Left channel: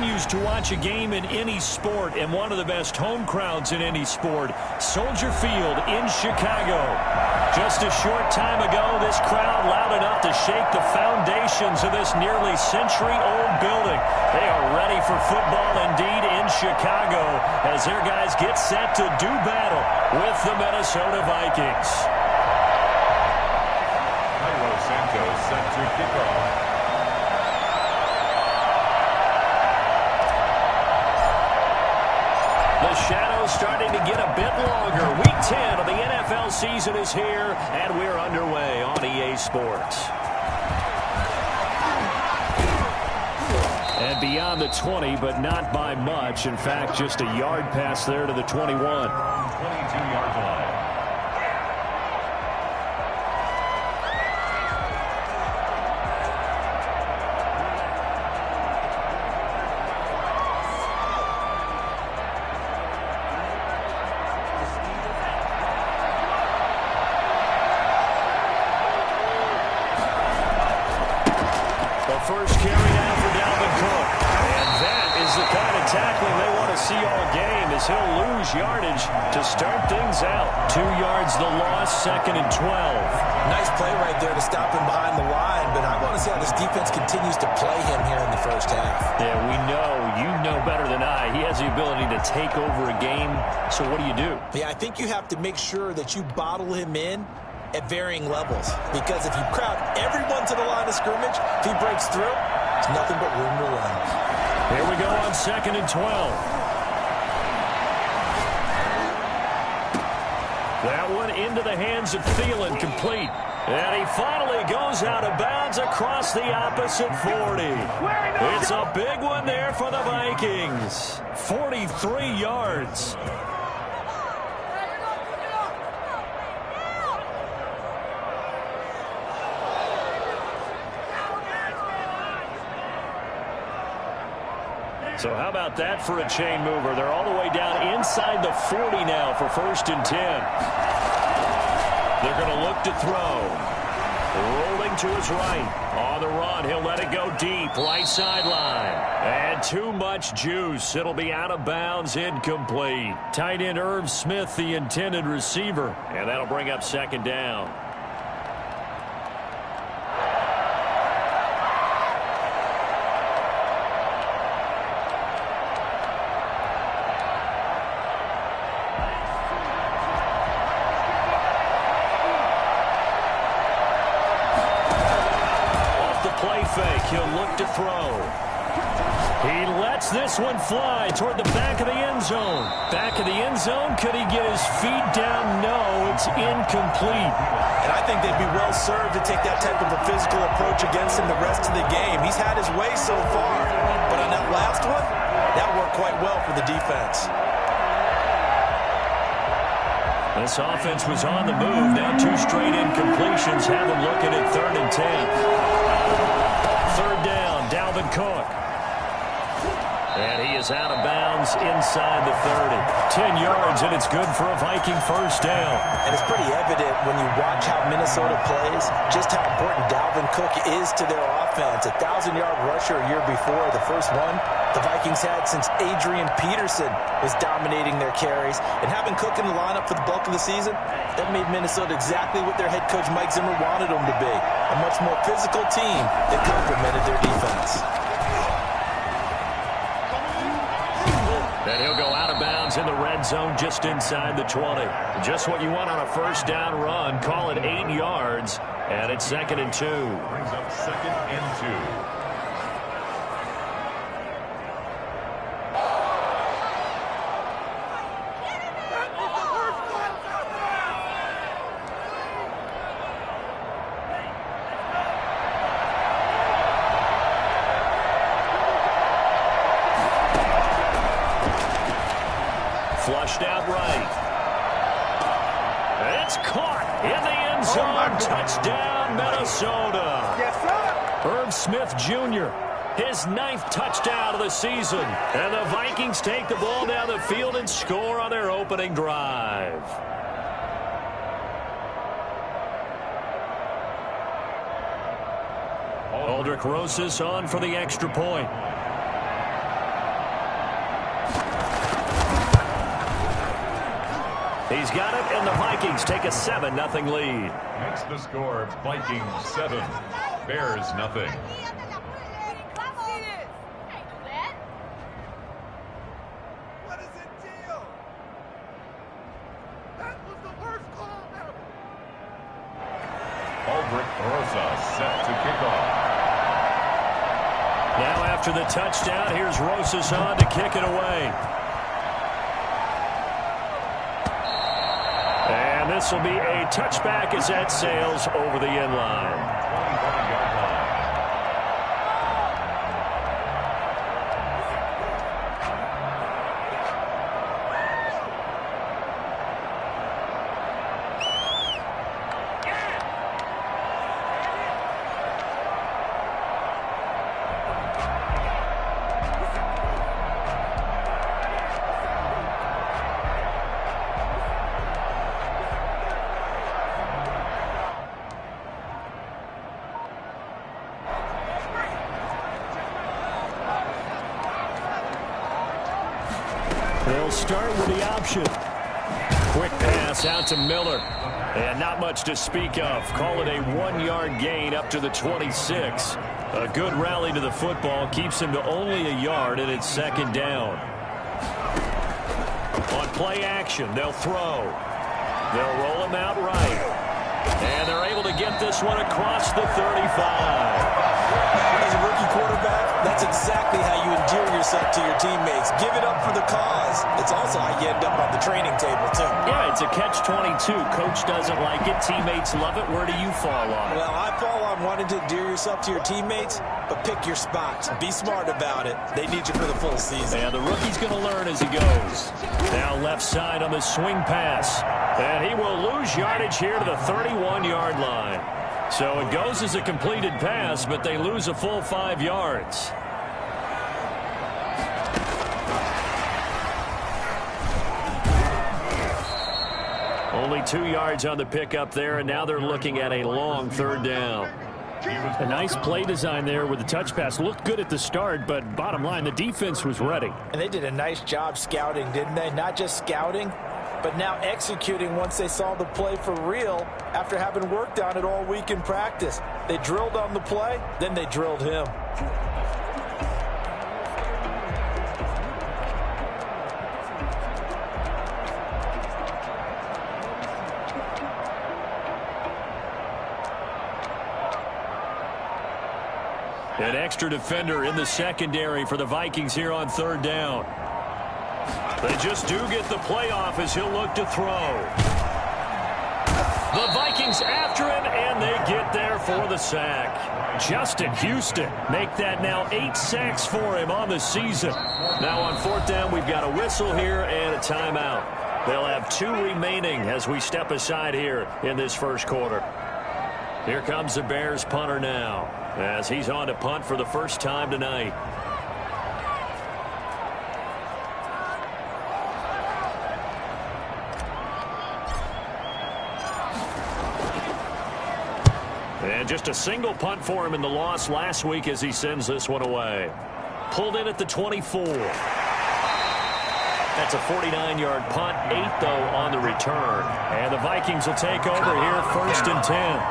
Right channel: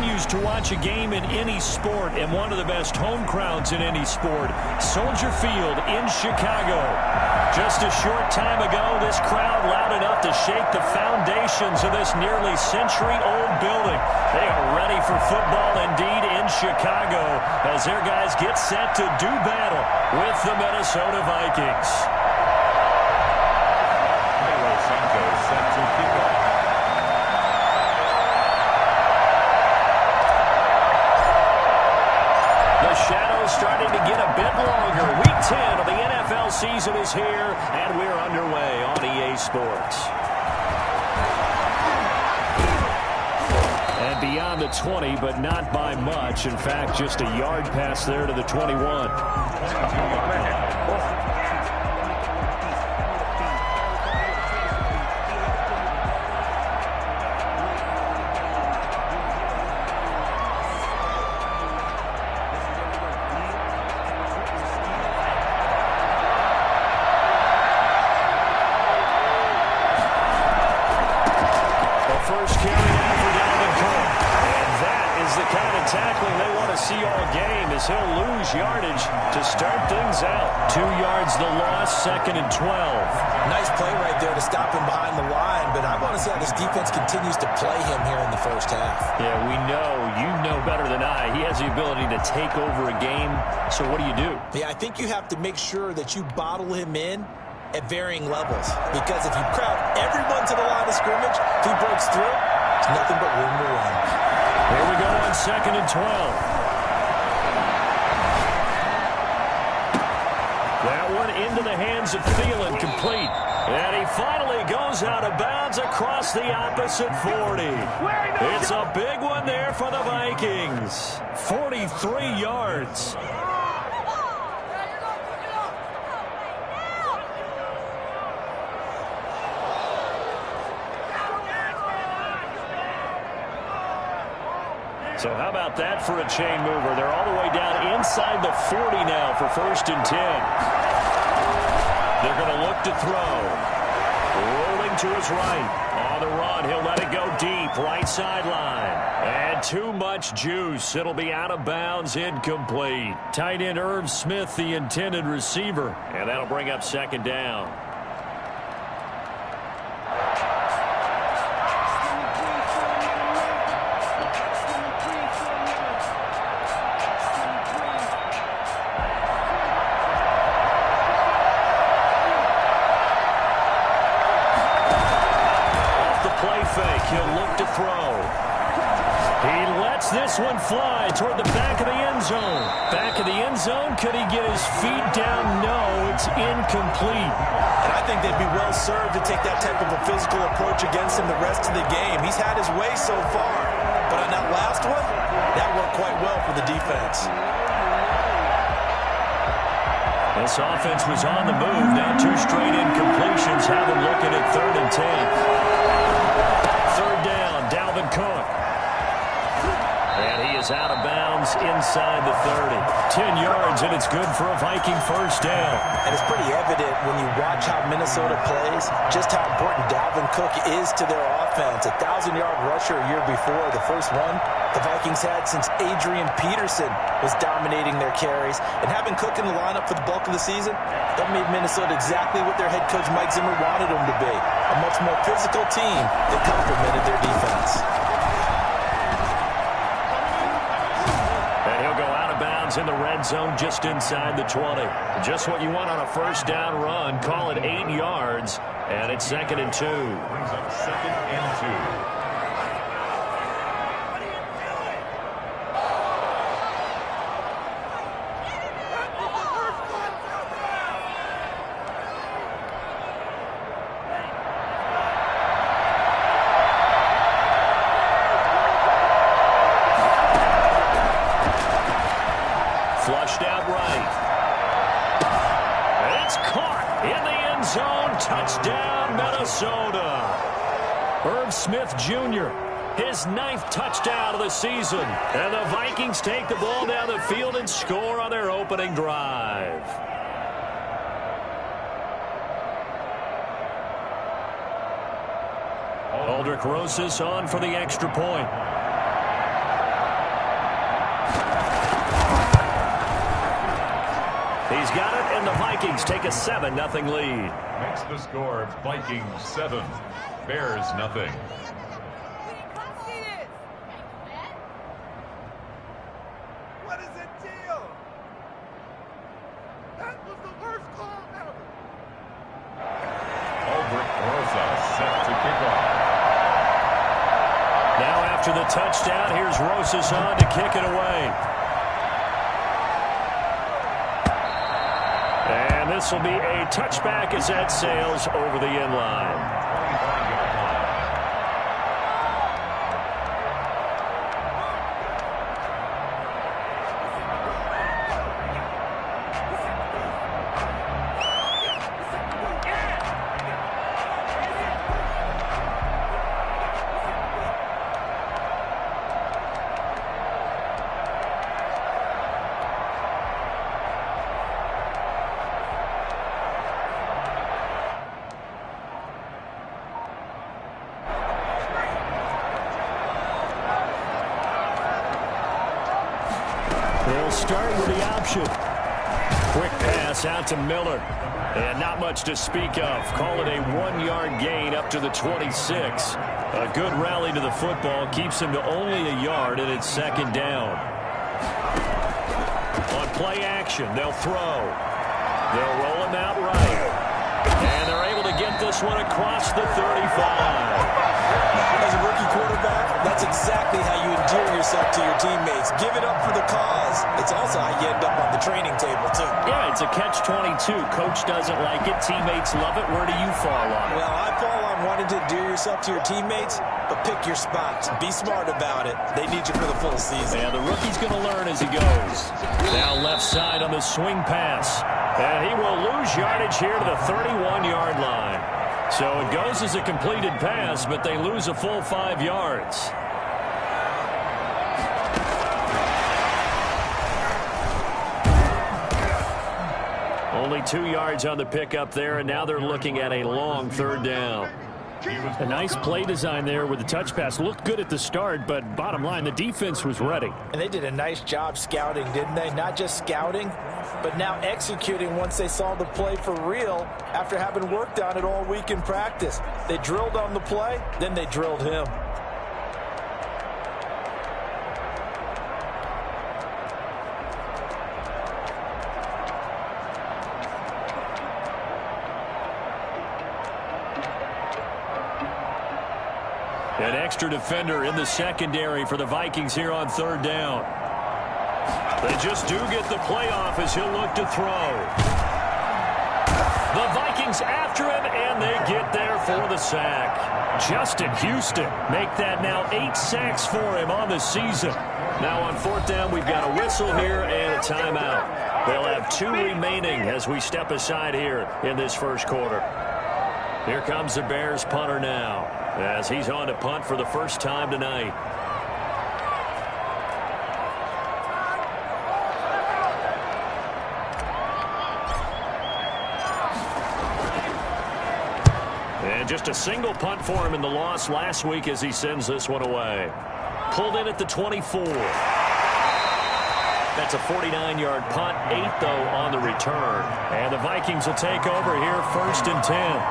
continues to watch a game in any sport and one of the best home crowds in any sport, Soldier Field in Chicago. Just a short time ago, this crowd loud enough to shake the foundations of this nearly century-old building. They are ready for football indeed in Chicago as their guys get set to do battle with the Minnesota Vikings. Cairo Santos set to kick off. The shadow's starting to get a bit longer. Week 10 of the NFL season is here, and we're underway on EA Sports. And beyond the 20, but not by much. In fact, just a yard pass there to the 21. 22-yard line. First carry now for Dalvin Cook. And that is the kind of tackling they want to see all game as he'll lose yardage to start things out. 2 yards the loss, 2nd and 12. Nice play right there to stop him behind the line, but I want to see how this defense continues to play him here in the first half. Yeah, we know, you know better than I, he has the ability to take over a game. So what do you do? Yeah, I think you have to make sure that you bottle him in at varying levels, because if you crowd everyone to the line of scrimmage, if he breaks through, it's nothing but room to run. Here we go on 2nd and 12. That one into the hands of Thielen, complete. And he finally goes out of bounds across the opposite 40. It's a big one there for the Vikings. 43 yards. So how about that for a chain mover? They're all the way down inside the 40 now for 1st and 10. They're going to look to throw. Rolling to his right. On the run, he'll let it go deep. Right sideline. And too much juice. It'll be out of bounds, incomplete. Tight end Irv Smith, the intended receiver. And that'll bring up 2nd down. Play fake. He'll look to throw. He lets this one fly toward the back of the end zone. Back of the end zone. Could he get his feet down? No, it's incomplete. And I think they'd be well served to take that type of a physical approach against him the rest of the game. He's had his way so far. But on that last one, that worked quite well for the defense. This offense was on the move. Now 2 straight incompletions have them looking at 3rd and 10. 3rd down, Dalvin Cook. And he is out of bounds inside the 30. 10 yards, and it's good for a Viking first down. And it's pretty evident when you watch how Minnesota plays, just how important Dalvin Cook is to their offense. A 1,000-yard rusher a year before, the first one the Vikings had since Adrian Peterson was dominating their carries. And having Cook in the lineup for the bulk of the season, that made Minnesota exactly what their head coach Mike Zimmer wanted them to be. A much more physical team that complemented their defense. And he'll go out of bounds in the red zone just inside the 20. Just what you want on a first down run. Call it 8 yards, and it's 2nd and 2. Brings up 2nd and 2. Flushed out right. It's caught in the end zone. Touchdown, Minnesota. Irv Smith Jr., his 9th touchdown of the season. And the Vikings take the ball down the field and score on their opening drive. Aldrich Rosas on for the extra point. He's got it, and the Vikings take a 7-0 lead. Makes the score Vikings 7, Bears nothing. What is the deal? That was the worst call ever. Aldrich Rosas set to kick off. Now after the touchdown, here's Rosas on to kick it away. And this will be a touchback as that sails over the end line. 25-yard line. They'll start with the option. Quick pass out to Miller. And not much to speak of. Call it a 1-yard gain up to the 26. A good rally to the football keeps him to only a yard, and it's second down. On play action, they'll throw. They'll roll him out right. And they're able to get this one across the 35. As a rookie quarterback, that's exactly how you endear yourself to your teammates. Give it up for the cause. It's also how you end up on the training table, too. Yeah, it's a catch-22. Coach doesn't like it. Teammates love it. Where do you fall on it? Well, I fall on wanting to endear yourself to your teammates, but pick your spots. Be smart about it. They need you for the full season. Yeah, the rookie's going to learn as he goes. Now left side on the swing pass. And he will lose yardage here to the 31-yard line. So it goes as a completed pass, but they lose a full 5 yards. Only 2 yards on the pickup there, and now they're looking at a long third down. A nice play design there with the touch pass. Looked good at the start, but bottom line, the defense was ready. And they did a nice job scouting, didn't they? Not just scouting, but now executing once they saw the play for real after having worked on it all week in practice. They drilled on the play, then they drilled him. An extra defender in the secondary for the Vikings here on third down. They just do get the play off as he'll look to throw. The Vikings after him, and they get there for the sack. Justin Houston make that now 8 sacks for him on the season. Now on fourth down, we've got a whistle here and a timeout. They'll have 2 remaining as we step aside here in this first quarter. Here comes the Bears punter now, as he's on to punt for the first time tonight. And just a single punt for him in the loss last week as he sends this one away. Pulled in at the 24. That's a 49-yard punt, 8 though on the return. And the Vikings will take over here first and 10.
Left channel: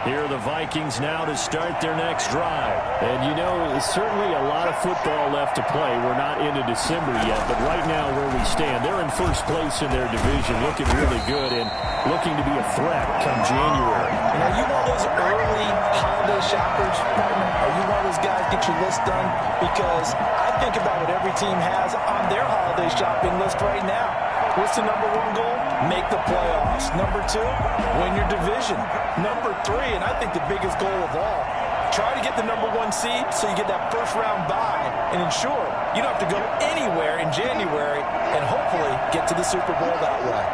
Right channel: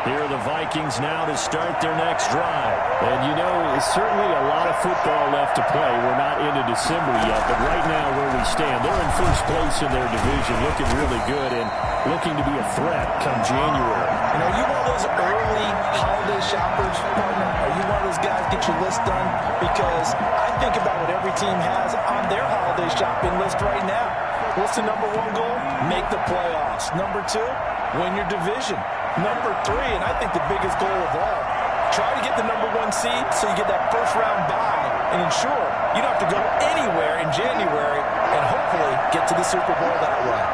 Here are the Vikings now to start their next drive. And you know, it's certainly a lot of football left to play. We're not into December yet, but right now where we stand, they're in first place in their division, looking really good and looking to be a threat come January. And are you one of those early holiday shoppers, partner? Are you one of those guys get your list done? Because I think about what every team has on their holiday shopping list right now. What's the number 1 goal? Make the playoffs. Number 2, win your division. Number 3, and I think the biggest goal of all, try to get the number 1 seed so you get that first round bye and ensure you don't have to go anywhere in January and hopefully get to the Super Bowl that way.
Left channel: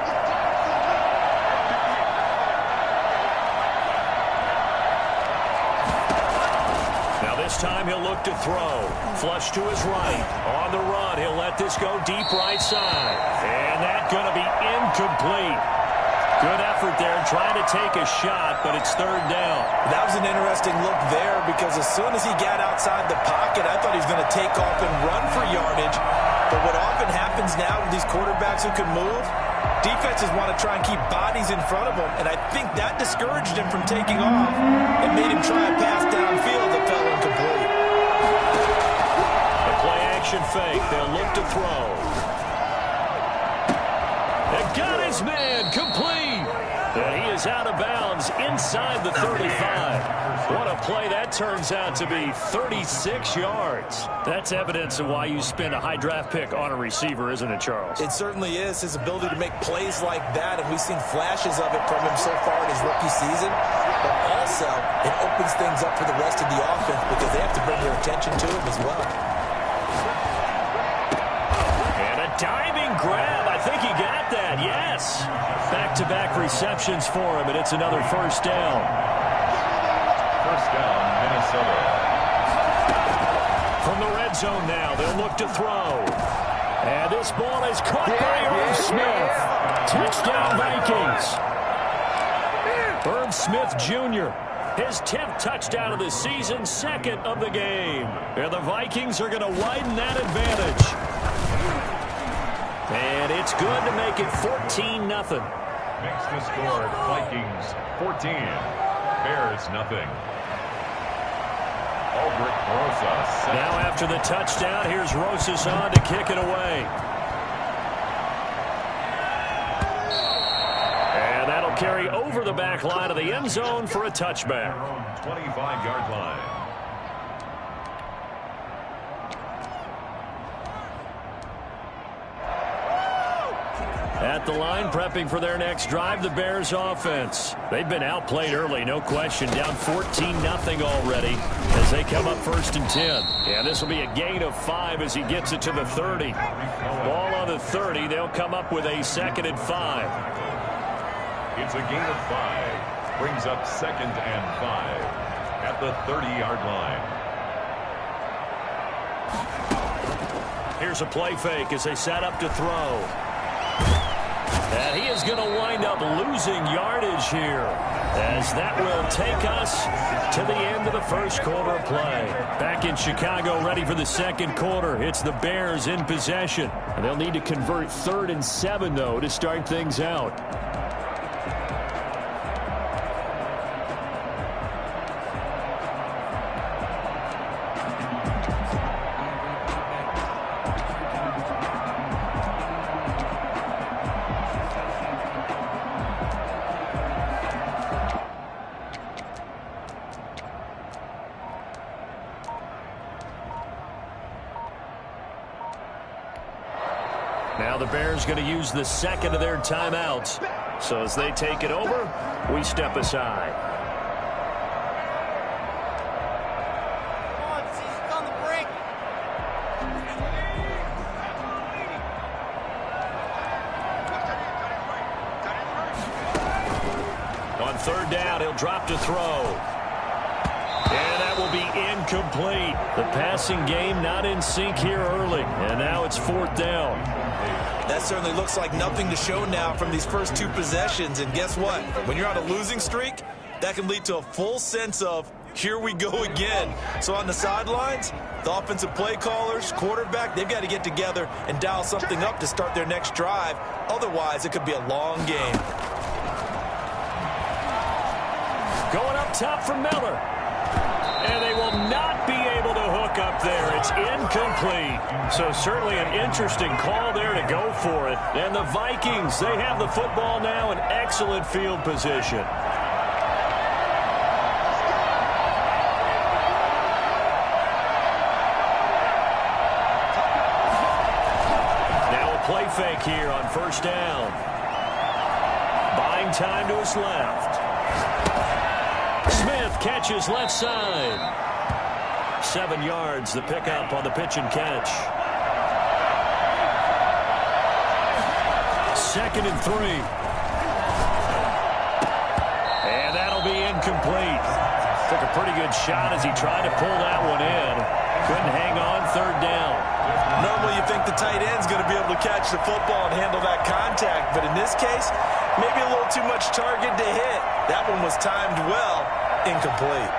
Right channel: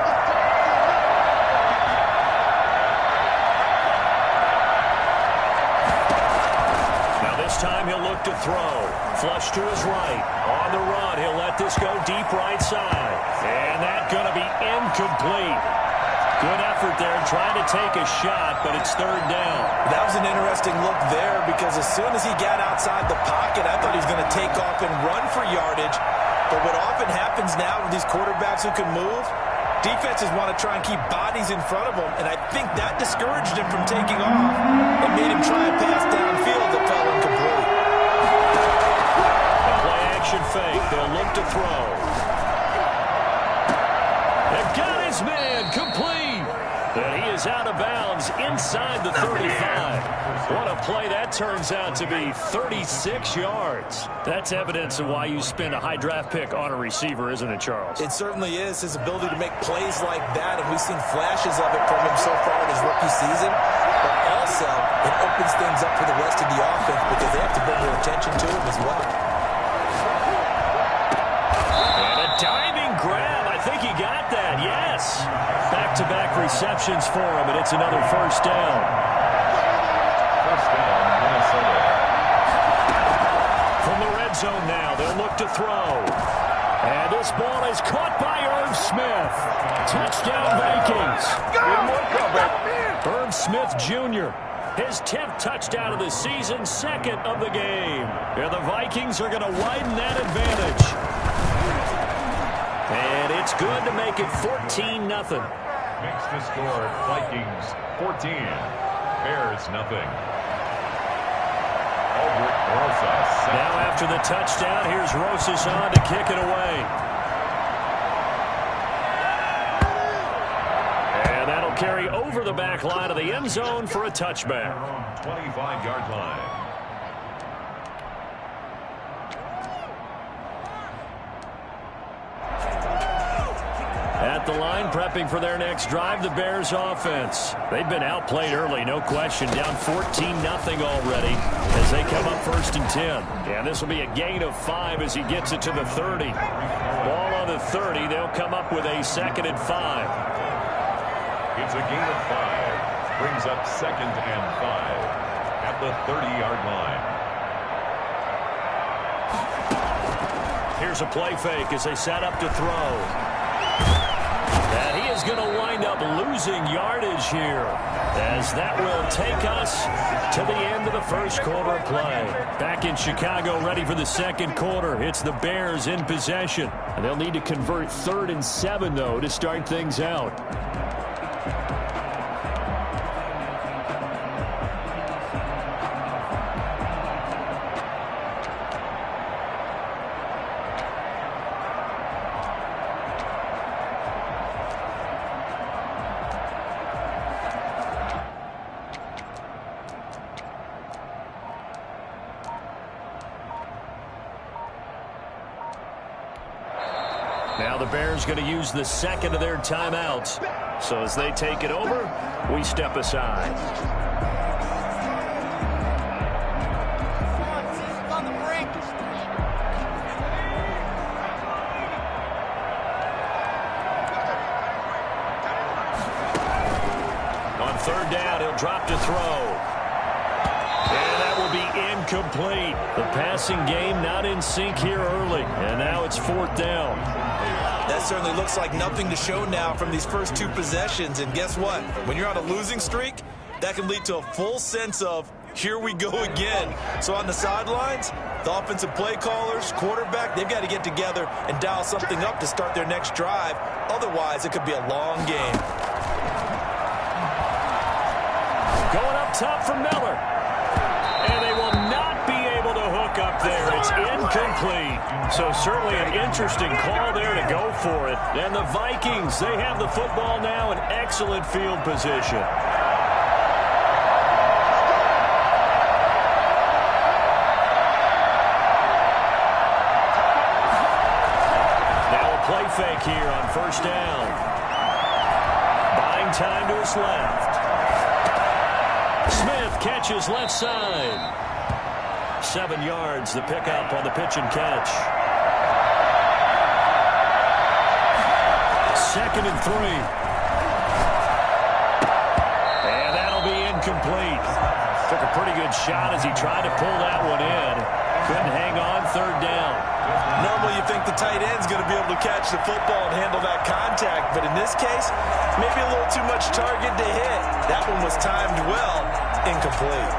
Now this This time he'll look to throw. Flush to his right. On the run, he'll let this go deep right side. And that's going to be incomplete. Good effort there trying to take a shot, but it's third down. That was an interesting look there because as soon as he got outside the pocket, I thought he was going to take off and run for yardage. But what often happens now with these quarterbacks who can move, defenses want to try and keep bodies in front of them, and I think that discouraged him from taking off and made him try a pass downfield that fell incomplete. The play-action fake. They'll look to throw. It got his man complete. And he is out of bounds inside the 35. What a play that turns out to be, 36 yards. That's evidence of why you spend a high draft pick on a receiver, isn't it, Charles? It certainly is, his ability to make plays like that, and we've seen flashes of it from him so far in his rookie season. But also, it opens things up for the rest of the offense because they have to bring their attention to him as well. And a diving grab. I think he got that, yes. Back-to-back receptions for him, and it's another first down. First down, Minnesota. From the red zone now, they'll look to throw. And this ball is caught by Irv Smith. Touchdown, Vikings. Irv Smith Jr., his 10th touchdown of the season, second of the game. And the Vikings are going to widen that advantage. And it's good to make it 14-0. Makes the score Vikings 14, Bears nothing. Rosas. Now after the touchdown, here's Rosas on to kick it away. And that'll carry over the back line of the end zone for a touchback. 25-yard line. At the line, prepping for their next drive, the Bears offense. They've been outplayed early, no question. Down 14-0 already as they come up first and 10. And this will be a gain of 5 as he gets it to the 30. Ball on the 30. They'll come up with a 2nd and 5. It's a gain of 5. Brings up 2nd and 5 at the 30-yard line. Here's a play fake as they set up to throw. And he is going to wind up losing yardage here as that will take us to the end of the first quarter of play. Back in Chicago, ready for the second quarter. It's the Bears in possession. And they'll need to convert 3rd and 7, though, to start things out. Now the Bears going to use the 2nd of their timeouts. So as they take it over, we step aside. Come on, season's on the brink. On 3rd down, he'll drop to throw. And that will be incomplete. The passing game not in sync here early. And now it's 4th down. That certainly looks like nothing to show now from these first 2 possessions. And guess what? When you're on a losing streak, that can lead to a full sense of, here we go again. So on the sidelines, the offensive play callers, quarterback, they've got to get together and dial something up to start their next drive. Otherwise, it could be a long game. Going up top for Miller. And they will not be able to hook up there. It's incomplete. So certainly an interesting call there to go for it. And the Vikings, they have the football now in excellent field position. Now a play fake here on 1st down. Buying time to his left. Smith catches left side. 7 yards, the pickup on the pitch and catch. 2nd and 3. And that'll be incomplete. Took a pretty good shot as he tried to pull that one in. Couldn't hang on, third down. Normally you think the tight end's going to be able to catch the football and handle that contact, but in this case, maybe a little too much target to hit. That one was timed well, incomplete.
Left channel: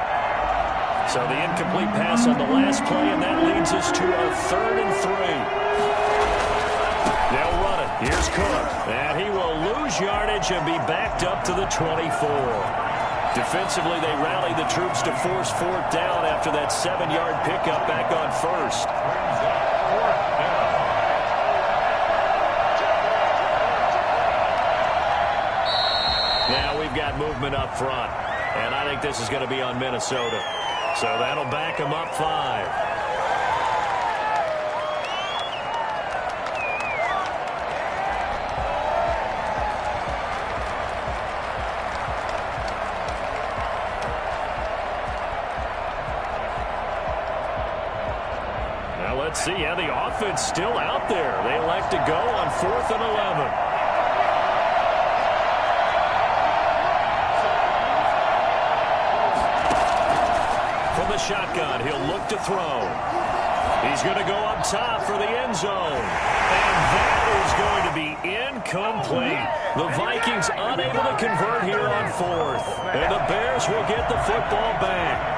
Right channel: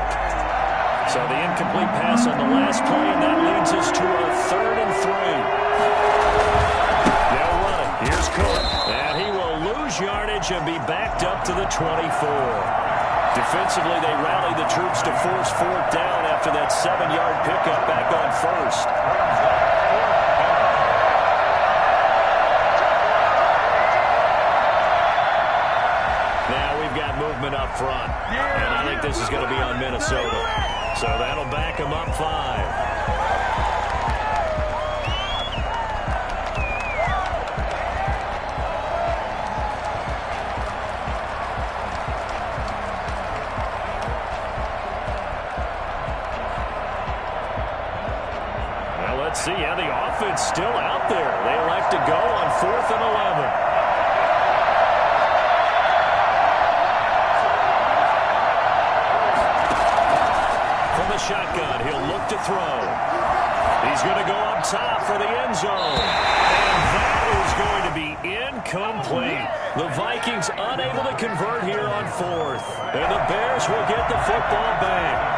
So the incomplete pass on the last play, and that leads us to a 3rd and 3. They'll run it. Here's Cook. And he will lose yardage and be backed up to the 24. Defensively, they rally the troops to force 4th down after that 7-yard pickup back on 1st. Now we've got movement up front, and I think this is going to be on Minnesota. So that'll back them up 5. Let's see how the offense still out there. They elect to go on 4th and 11. From the shotgun, he'll look to throw. He's going to go up top for the end zone. And that is going to be incomplete. The Vikings unable to convert here on 4th. And the Bears will get the football back.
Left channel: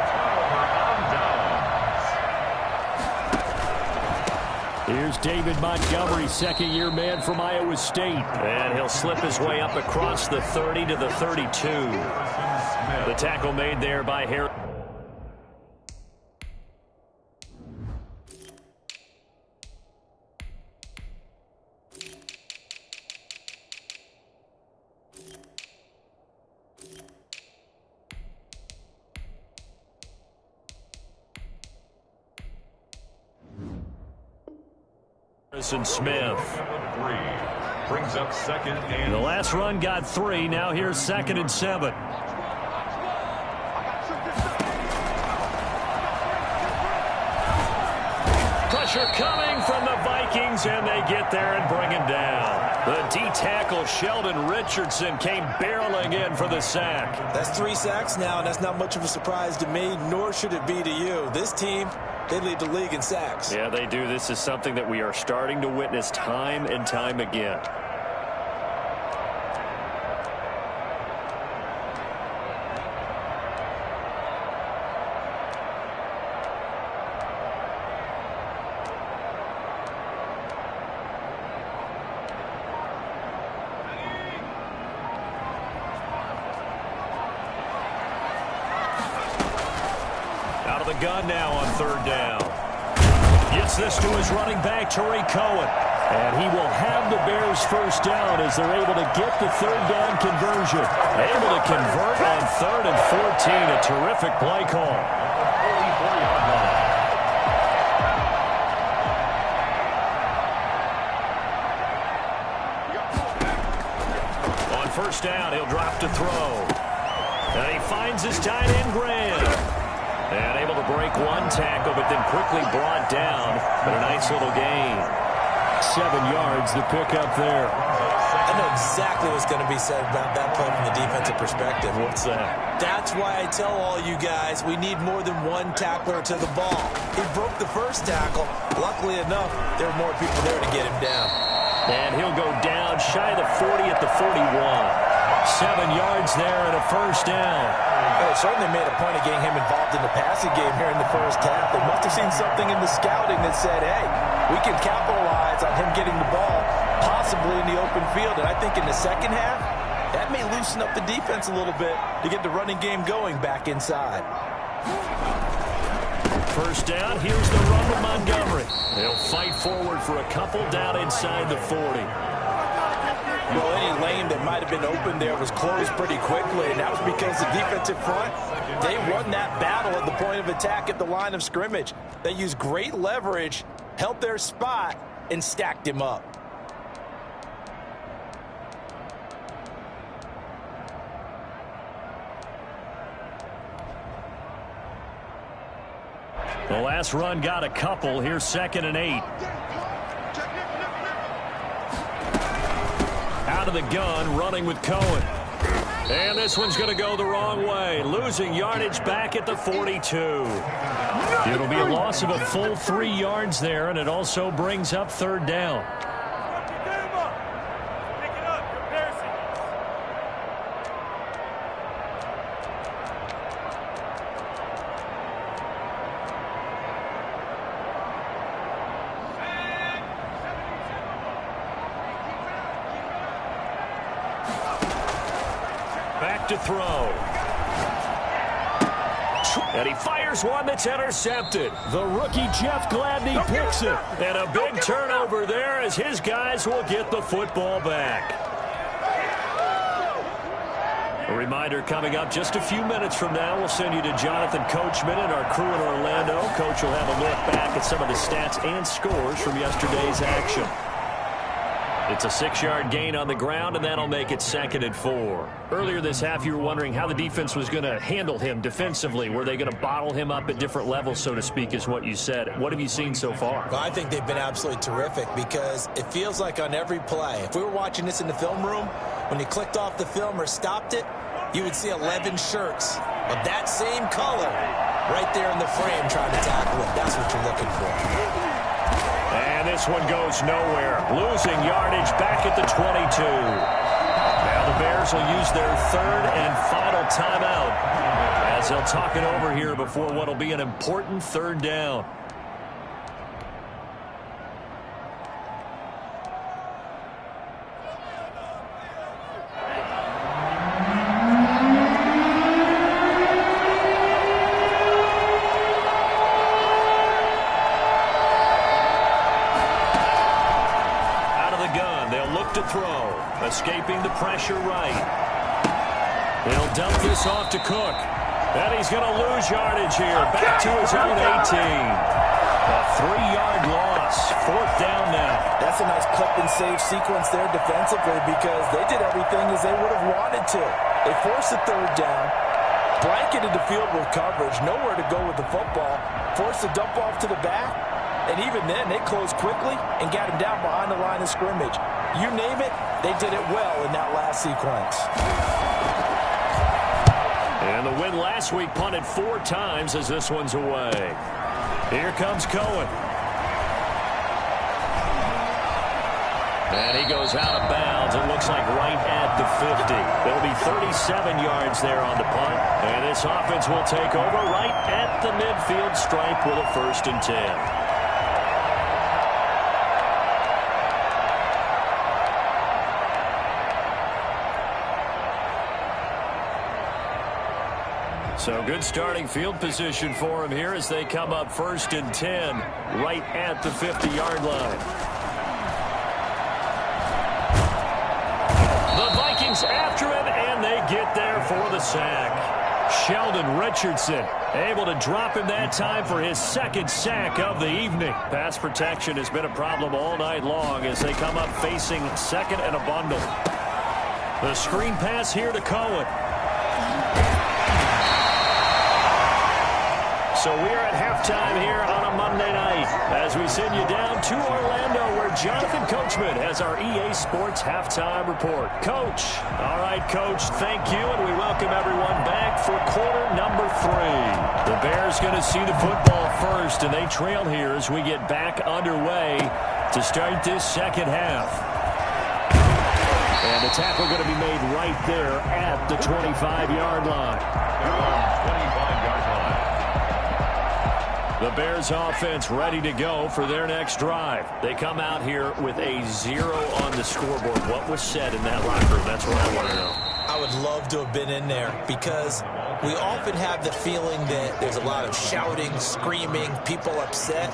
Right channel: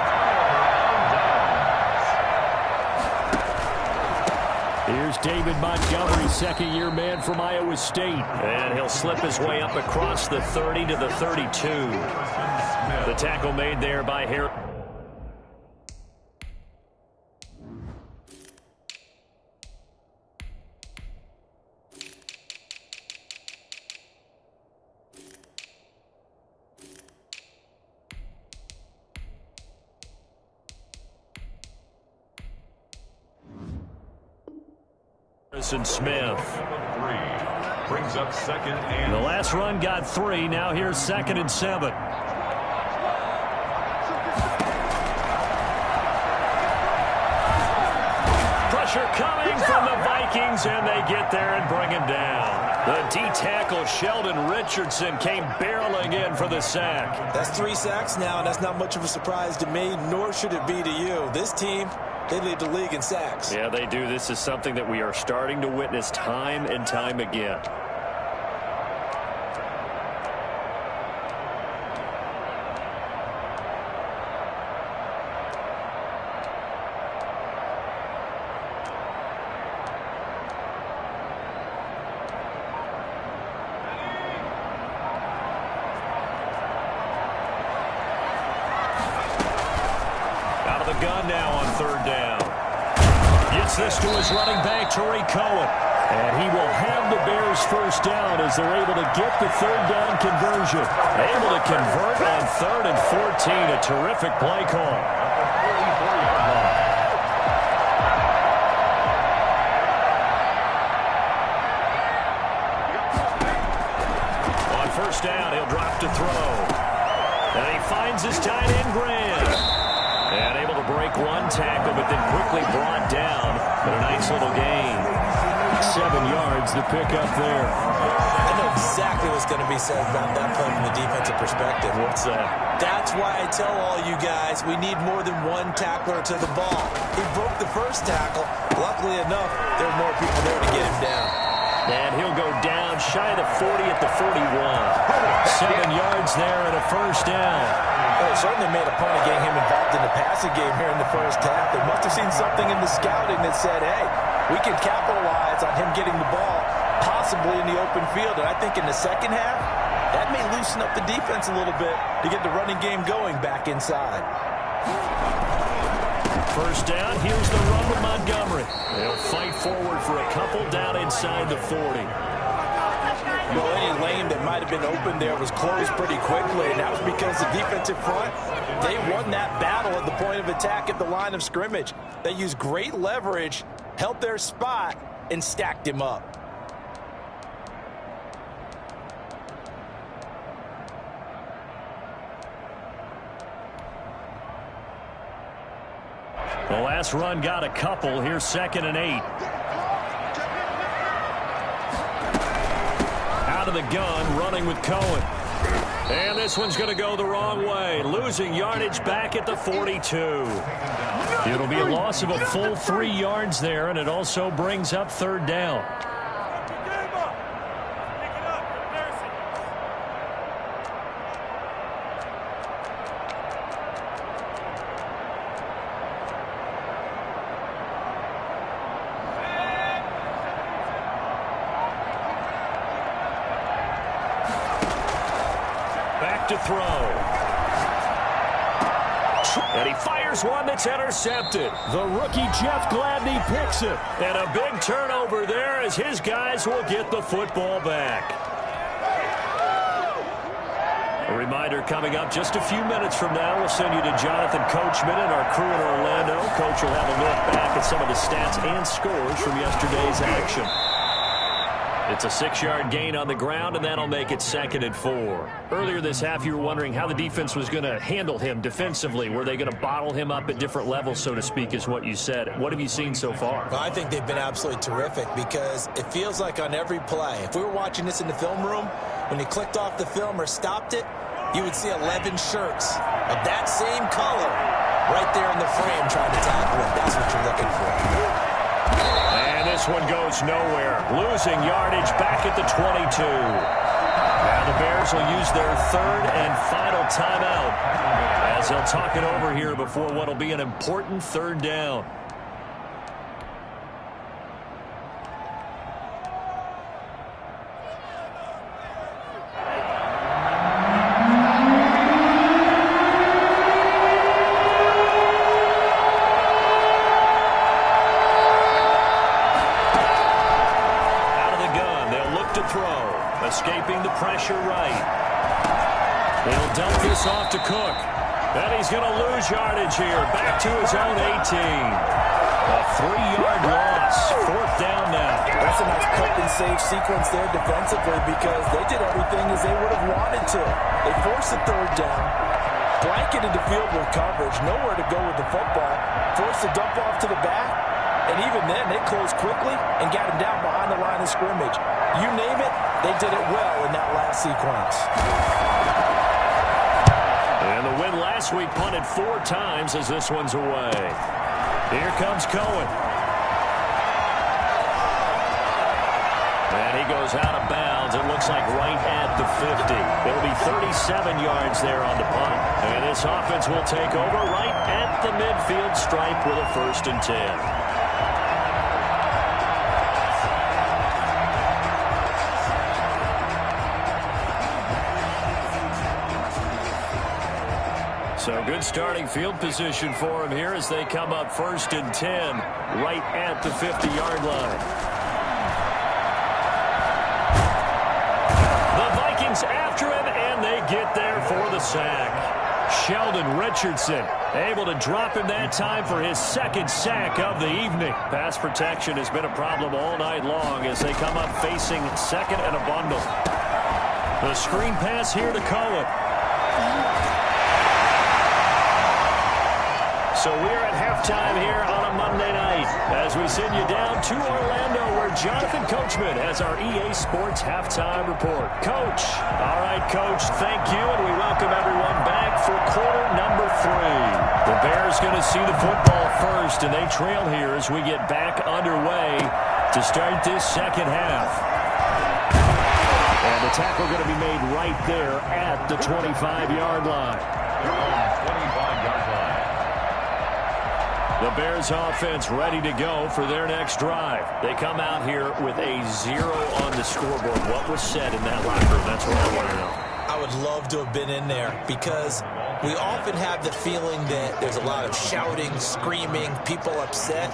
Here's David Montgomery, 2nd-year man from Iowa State. And he'll slip his way up across the 30 to the 32. The tackle made there by Harris. And Smith. Brings up 2nd and... The last run got 3. Now here's 2nd and 7. Pressure coming from the Vikings, and they get there and bring him down. The D-tackle Sheldon Richardson came barreling in for the sack. That's 3 sacks now, and that's not much of a surprise to me, nor should it be to you. This team, they lead the league in sacks. Yeah, they do. This is something that we are starting to witness time and time again. Out of the gun now on 3rd down. Gets this to his running back, Tariq Cohen. And he will have the Bears 1st down as they're able to get the 3rd down conversion. Able to convert on 3rd and 14. A terrific play call. On 1st down, he'll drop to throw. And he finds his tight end, Graham. And able to break 1 tackle, but then quickly brought down. But a nice little gain. 7 yards, the pickup there. I know exactly what's going to be said about that play from the defensive perspective. What's that? That's why I tell all you guys we need more than 1 tackler to the ball. He broke the 1st tackle. Luckily enough, there were more people there to get him down. And he'll go down shy of the 40 at the 41. 7 yards there and a 1st down. Well, they certainly made a point of getting him involved in the passing game here in the 1st half. They must have seen something in the scouting that said, hey, we can capitalize on him getting the ball, possibly in the open field. And I think in the 2nd half, that may loosen up the defense a little bit to get the running game going back inside. 1st down, here's the run with Montgomery. They'll fight forward for a couple down inside the 40. Well, any lane that might have been open there was closed pretty quickly, and that was because the defensive front, they won that battle at the point of attack at the line of scrimmage. They used great leverage, held their spot, and stacked him up. The last run got a couple. Here's 2nd and 8. Out of the gun, running with Cohen. And this one's going to go the wrong way, losing yardage back at the 42. It'll be a loss of a full 3 yards there, and it also brings up third down. Back to throw. And he fires one that's intercepted. The rookie Jeff Gladney picks it. And a big turnover there as his guys will get the football back. A reminder coming up just a few minutes from now. We'll send you to Jonathan Coachman and our crew in Orlando. Coach will have a look back at some of the stats and scores from yesterday's action. It's a 6-yard gain on the ground, and that'll make it 2nd and 4. Earlier this half, you were wondering how the defense was going to handle him defensively. Were they going to bottle him up at different levels, so to speak, is what you said. What have you seen so far? Well, I think they've been absolutely terrific because it feels like on every play, if we were watching this in the film room, when you clicked off the film or stopped it, you would see 11 shirts of that same color right there in the frame trying to tackle it. That's what you're looking for. And this one goes nowhere. Losing yardage back at the 22. Now the Bears will use their 3rd and final timeout as they'll talk it over here before what will be an important 3rd down. Escaping the pressure right. They'll dump this off to Cook. And he's going to lose yardage here. Back to his own 18. A 3-yard loss. 4th down now. That's a nice clip and save sequence there defensively because they did everything as they would have wanted to. They forced the 3rd down, blanketed the field with coverage, nowhere to go with the football, forced the dump off to the back, and even then they closed quickly and got him down behind the line of scrimmage. You name it, they did it well in that last sequence. And the win last week punted 4 times as this one's away. Here comes Cohen. And he goes out of bounds. It looks like right at the 50. It'll be 37 yards there on the punt. And this offense will take over right at the midfield stripe with a 1st and 10. So good starting field position for him here as they come up 1st and 10 right at the 50-yard line. The Vikings after him, and they get there for the sack. Sheldon Richardson able to drop him that time for his 2nd sack of the evening. Pass protection has been a problem all night long as they come up facing 2nd and a bundle. The screen pass here to Cohen. So we are at halftime here on a Monday night as we send you down to Orlando where Jonathan Coachman has our EA Sports Halftime Report. Coach. All right, Coach, thank you, and we welcome everyone back for quarter number 3. The Bears going to see the football first, and they trail here as we get back underway to start this 2nd half. And the tackle going to be made right there at the 25-yard line. 25-yard line. The Bears offense ready to go for their next drive. They come out here with a 0 on the scoreboard. What was said in that locker room? That's what I want to know. I would love to have been in there because we often have the feeling that there's a lot of shouting, screaming, people upset.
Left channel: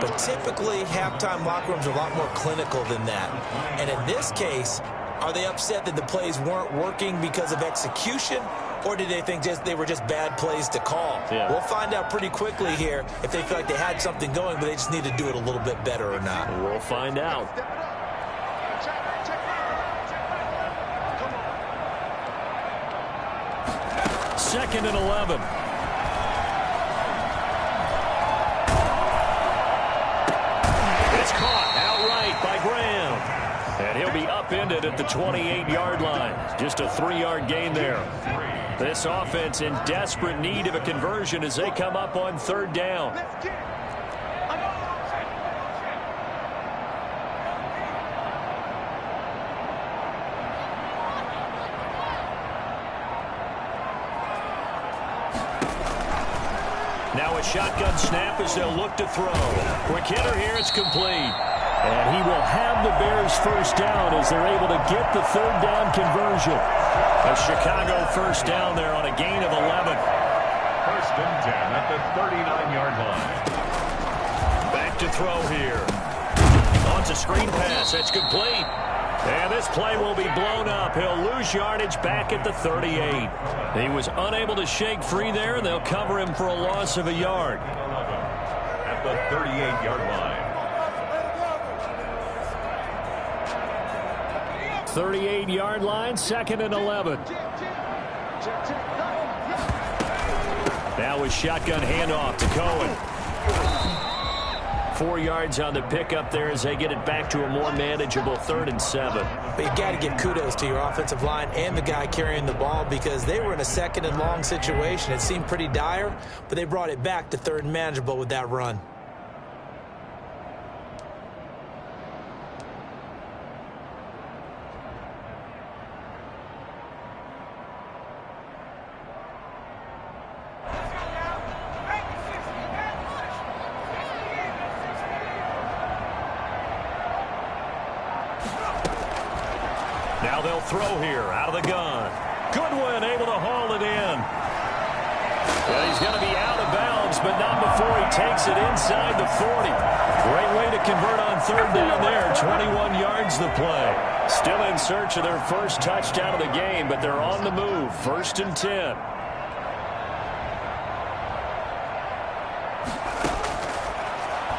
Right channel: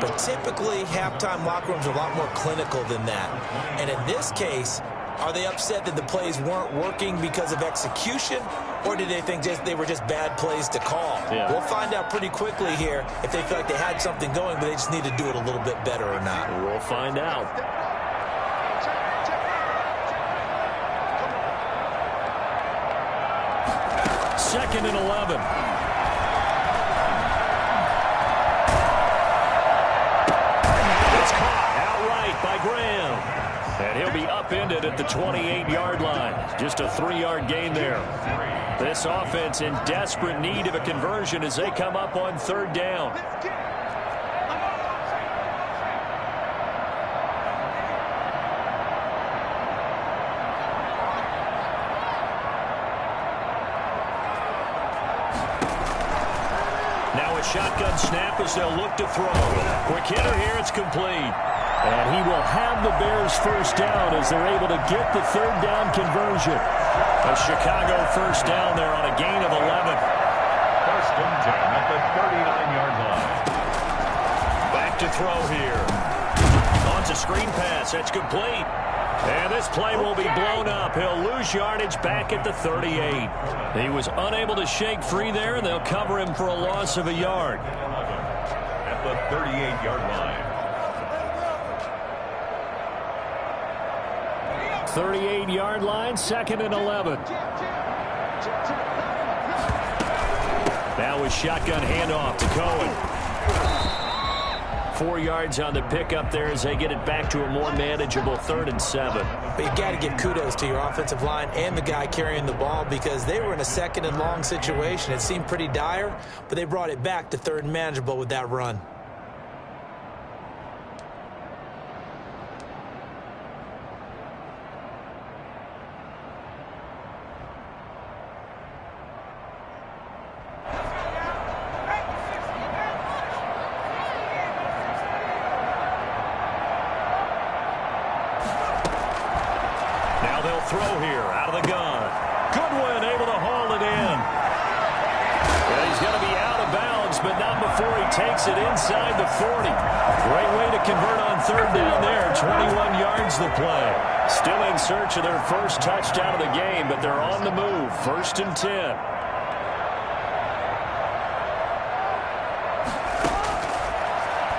But typically, halftime locker rooms are a lot more clinical than that. And in this case, are they upset that the plays weren't working because of execution? Or did they think they were just bad plays to call? Yeah. We'll find out pretty quickly here if they feel like they had something going, but they just need to do it a little bit better or not. We'll find out. Second and 11. It's caught outright by Graham. And he'll be upended at the 28-yard line. Just a 3-yard gain there. This offense in desperate need of a conversion as they come up on 3rd down. Now a shotgun snap as they'll look to throw. Quick hitter here, it's complete. And he will have the Bears first down as they're able to get the 3rd down conversion. A Chicago first down there on a gain of 11. 1st and 10 at the 39-yard line. Back to throw here. On to screen pass, that's complete. And this play will be blown up. He'll lose yardage back at the 38. He was unable to shake free there, and they'll cover him for a loss of a yard. At the 38-yard line. 38-yard line, 2nd and 11. Now a shotgun handoff to Cohen. 4 yards on the pickup there as they get it back to a more manageable 3rd and 7. But you got to give kudos to your offensive line and the guy carrying the ball because they were in a 2nd and long situation. It seemed pretty dire, but they brought it back to 3rd and manageable with that run. Now they'll throw here out of the gun. Goodwin able to haul it in. Yeah, he's going to be out of bounds, but not before he takes it inside the 40. Great way to convert on 3rd down there. 21 yards the play. Still in search of their first touchdown of the game, but they're on the move. 1st and 10.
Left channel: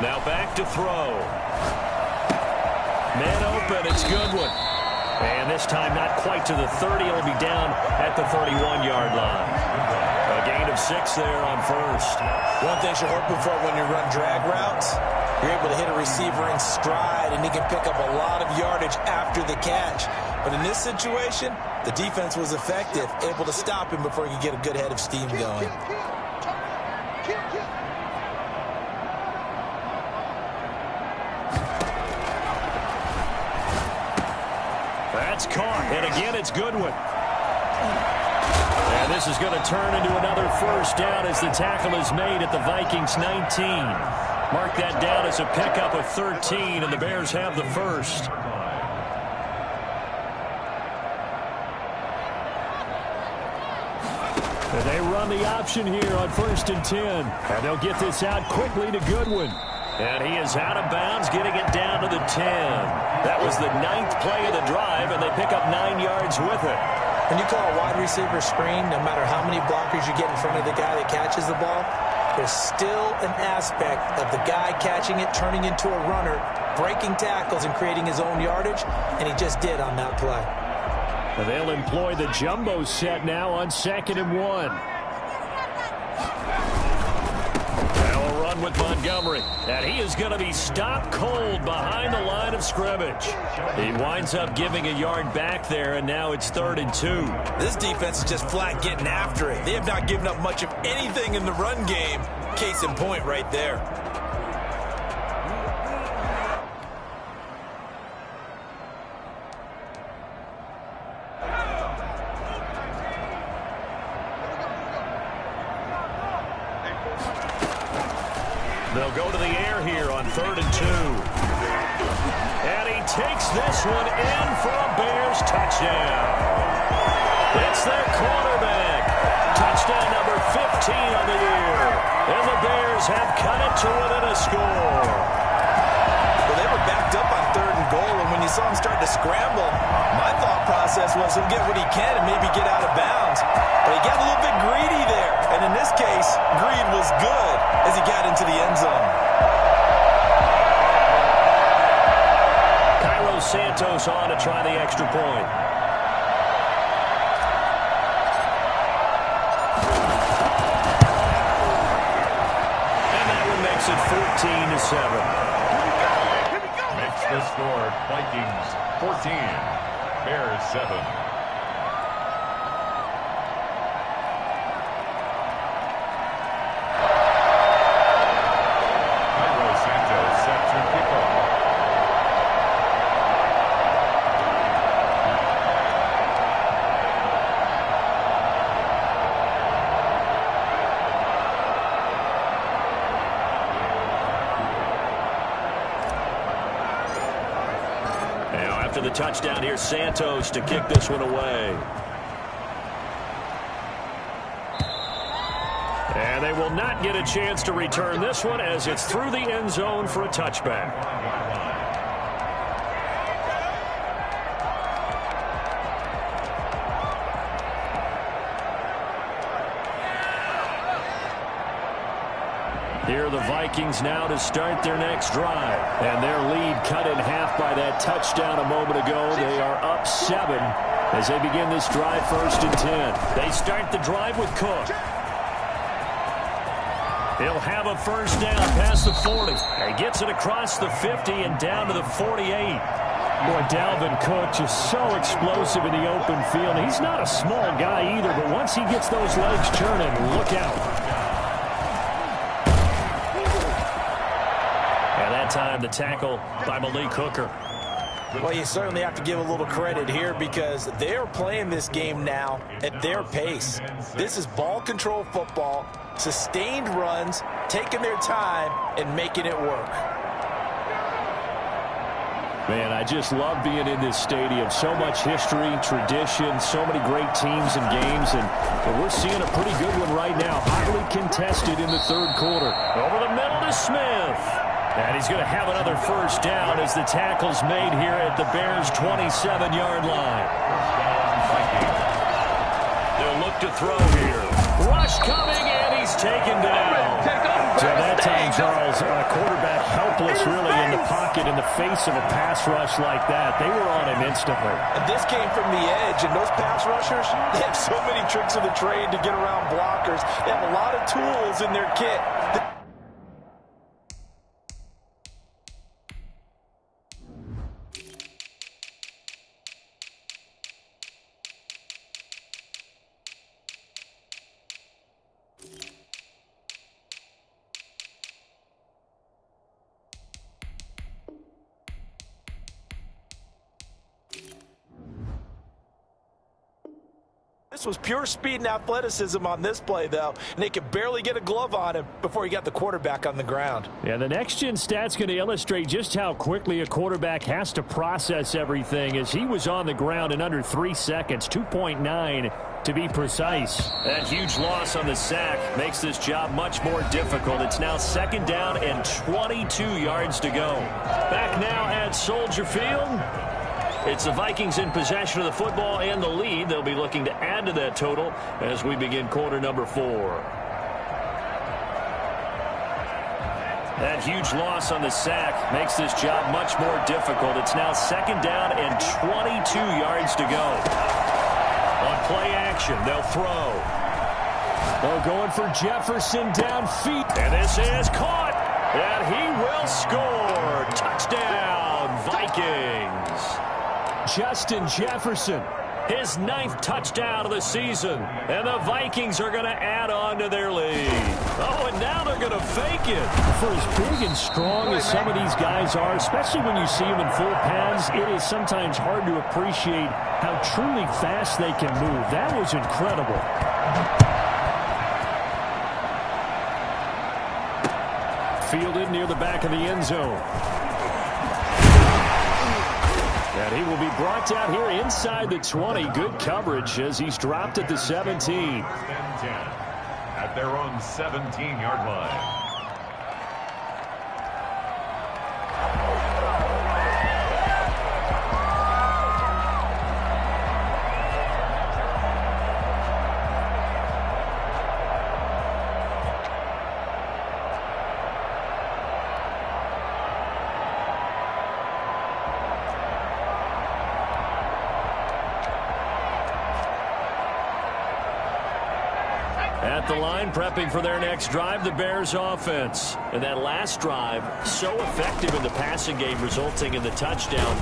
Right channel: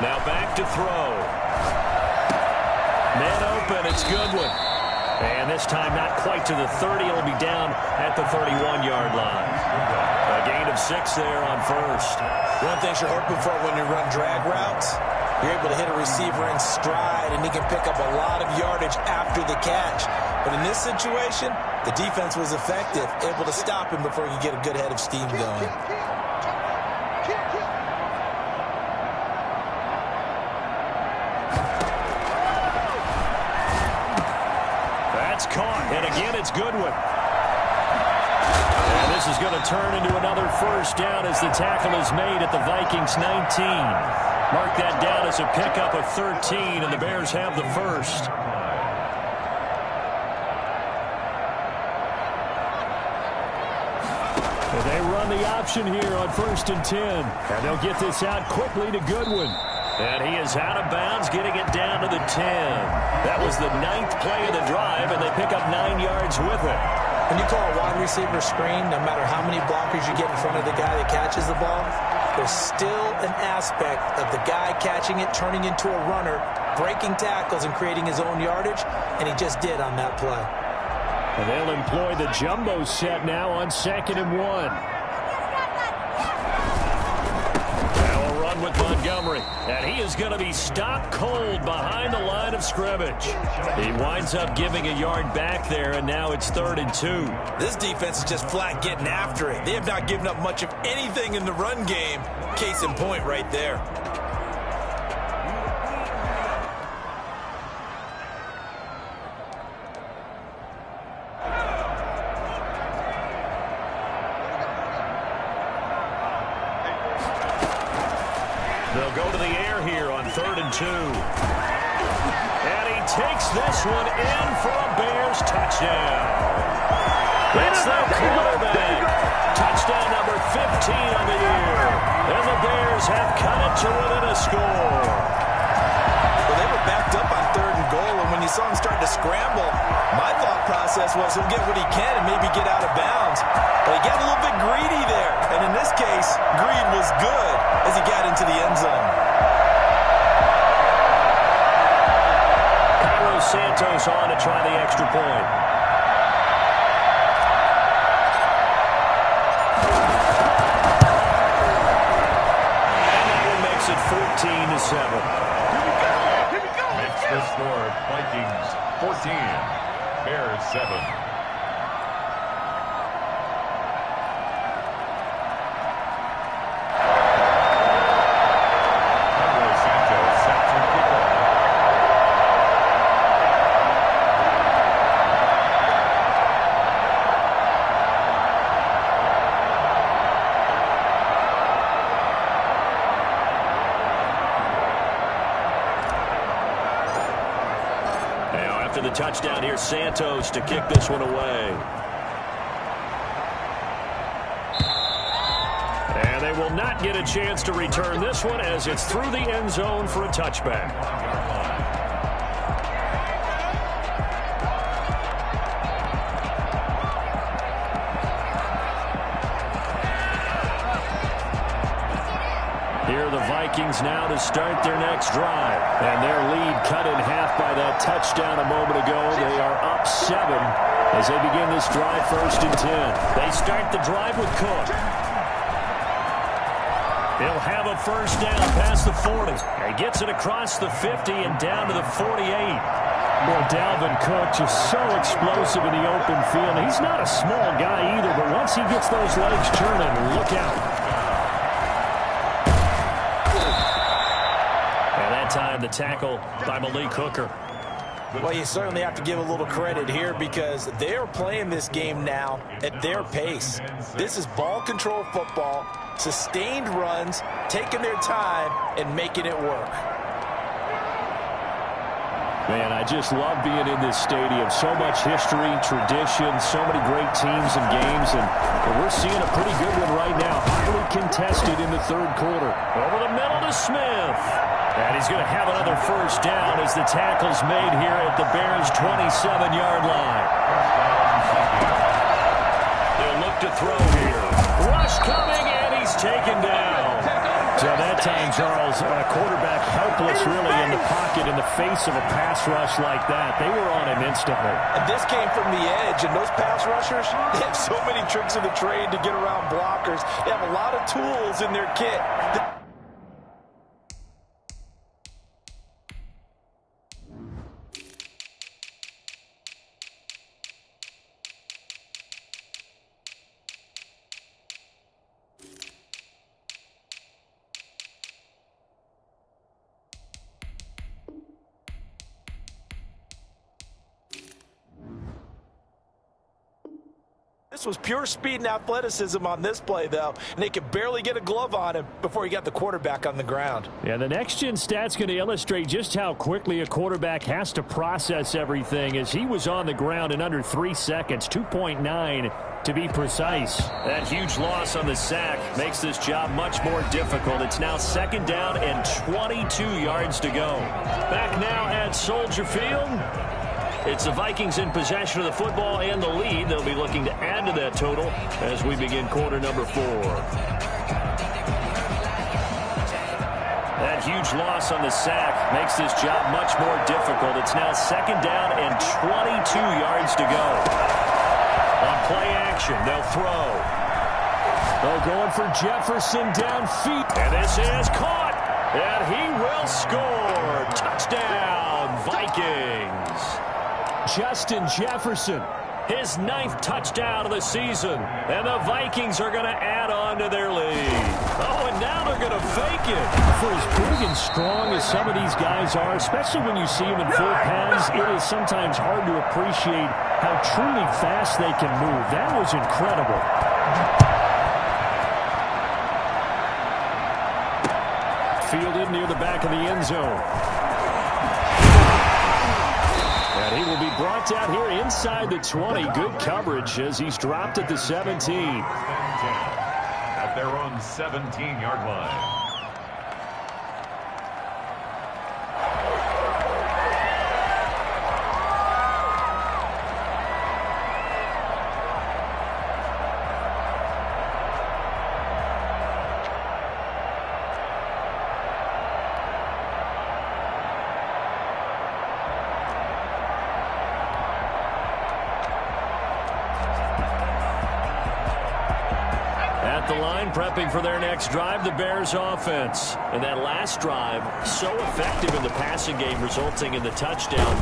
Now back to throw. Man open, it's Goodwin. And this time not quite to the 30. It'll be down at the 31-yard line. A gain of 6 there on 1st. One thing you're hoping for when you run drag routes, you're able to hit a receiver in stride, and he can pick up a lot of yardage after the catch. But in this situation, the defense was effective, able to stop him before he could get a good head of steam going. That's caught, and again it's Goodwin. And this is going to turn into another first down as the tackle is made at the Vikings 19. Mark that down as a pickup of 13, and the Bears have the first. And they run the option here on 1st and 10. And they'll get this out quickly to Goodwin. And he is out of bounds, getting it down to the 10. That was the 9th play of the drive, and they pick up 9 yards with it. When you call a wide receiver screen, no matter how many blockers you get in front of the guy that catches the ball, there's still an aspect of the guy catching it, turning into a runner, breaking tackles and creating his own yardage, and he just did on that play. And they'll employ the jumbo set now on 2nd and 1. With Montgomery, and he is going to be stopped cold behind the line of scrimmage. He winds up giving a yard back there, and now it's 3rd and 2. This defense is just flat getting after it. They have not given up much of anything in the run game. Case in point right there. They'll go to the air here on 3rd and 2. And he takes this one in for a Bears touchdown. It's their quarterback. Touchdown number 15 on the year. And the Bears have cut it to within a score. Well, they were backed up on 3rd and goal, and when you saw him start to scramble, my thought process was he'll get what he can and maybe get out of bounds. But he got a little bit greedy there, and in this case, greed was good as he got into the end zone. Cairo Santos on to try the extra point. And that one makes it 14-7. the score, Vikings 14, Bears 7. Set to kick off. Now after the touchdown, here's Santos to kick this one away. And they will not get a chance to return this one as it's through the end zone for a touchback. Here are the Vikings now to start their next drive. And their lead cut in half by that touchdown a moment ago. They are up 7 as they begin this drive 1st and 10. They start the drive with Cook. He'll have a first down past the 40. He gets it across the 50 and down to the 48. Boy, Dalvin Cook just so explosive in the open field. He's not a small guy either, but once he gets those legs churning, look out. And that time, the tackle by Malik Hooker. Well, you certainly have to give a little credit here because they're playing this game now at their pace. This is ball control football, sustained runs, taking their time and making it work. Man, I just love being in this stadium. So much history, tradition, so many great teams and games, and we're seeing a pretty good one right now. Hotly contested in the 3rd quarter. Over the middle to Smith. And he's going to have another first down as the tackle's made here at the Bears' 27-yard line. They'll look to throw here. Rush coming, and he's taken down. So that time, Charles, a quarterback helpless really in the pocket in the face of a pass rush like that. They were on him instantly. And this came from the edge, and those pass rushers, they have so many tricks of the trade to get around blockers. They have a lot of tools in their kit. This was pure speed and athleticism on this play, though, and they could barely get a glove on him before he got the quarterback on the ground. Yeah, the next-gen stat's going to illustrate just how quickly a quarterback has to process everything as he was on the ground in under 3 seconds, 2.9 to be precise. That huge loss on the sack makes this job much more difficult. It's now 2nd down and 22 yards to go. Back now at Soldier Field. It's the Vikings in possession of the football and the lead. They'll be looking to add to that total as we begin quarter number 4. That huge loss on the sack makes this job much more difficult. It's now 2nd down and 22 yards to go. On play action, they'll throw. Oh, going for Jefferson downfield. And this is caught. And he will score. Touchdown, Vikings. Justin Jefferson. His 9th touchdown of the season. And the Vikings are going to add on to their lead. Oh, and now they're going to fake it. For as big and strong as some of these guys are, especially when you see them in full pads, it is sometimes hard to appreciate how truly fast they can move. That was incredible. Fielded near the back of the end zone. And he will be brought down here inside the 20. Good coverage as he's dropped at the 17. At their own 17-yard line. At the line, prepping for their next drive, the Bears offense. And that last drive, so effective in the passing game, resulting in the touchdown.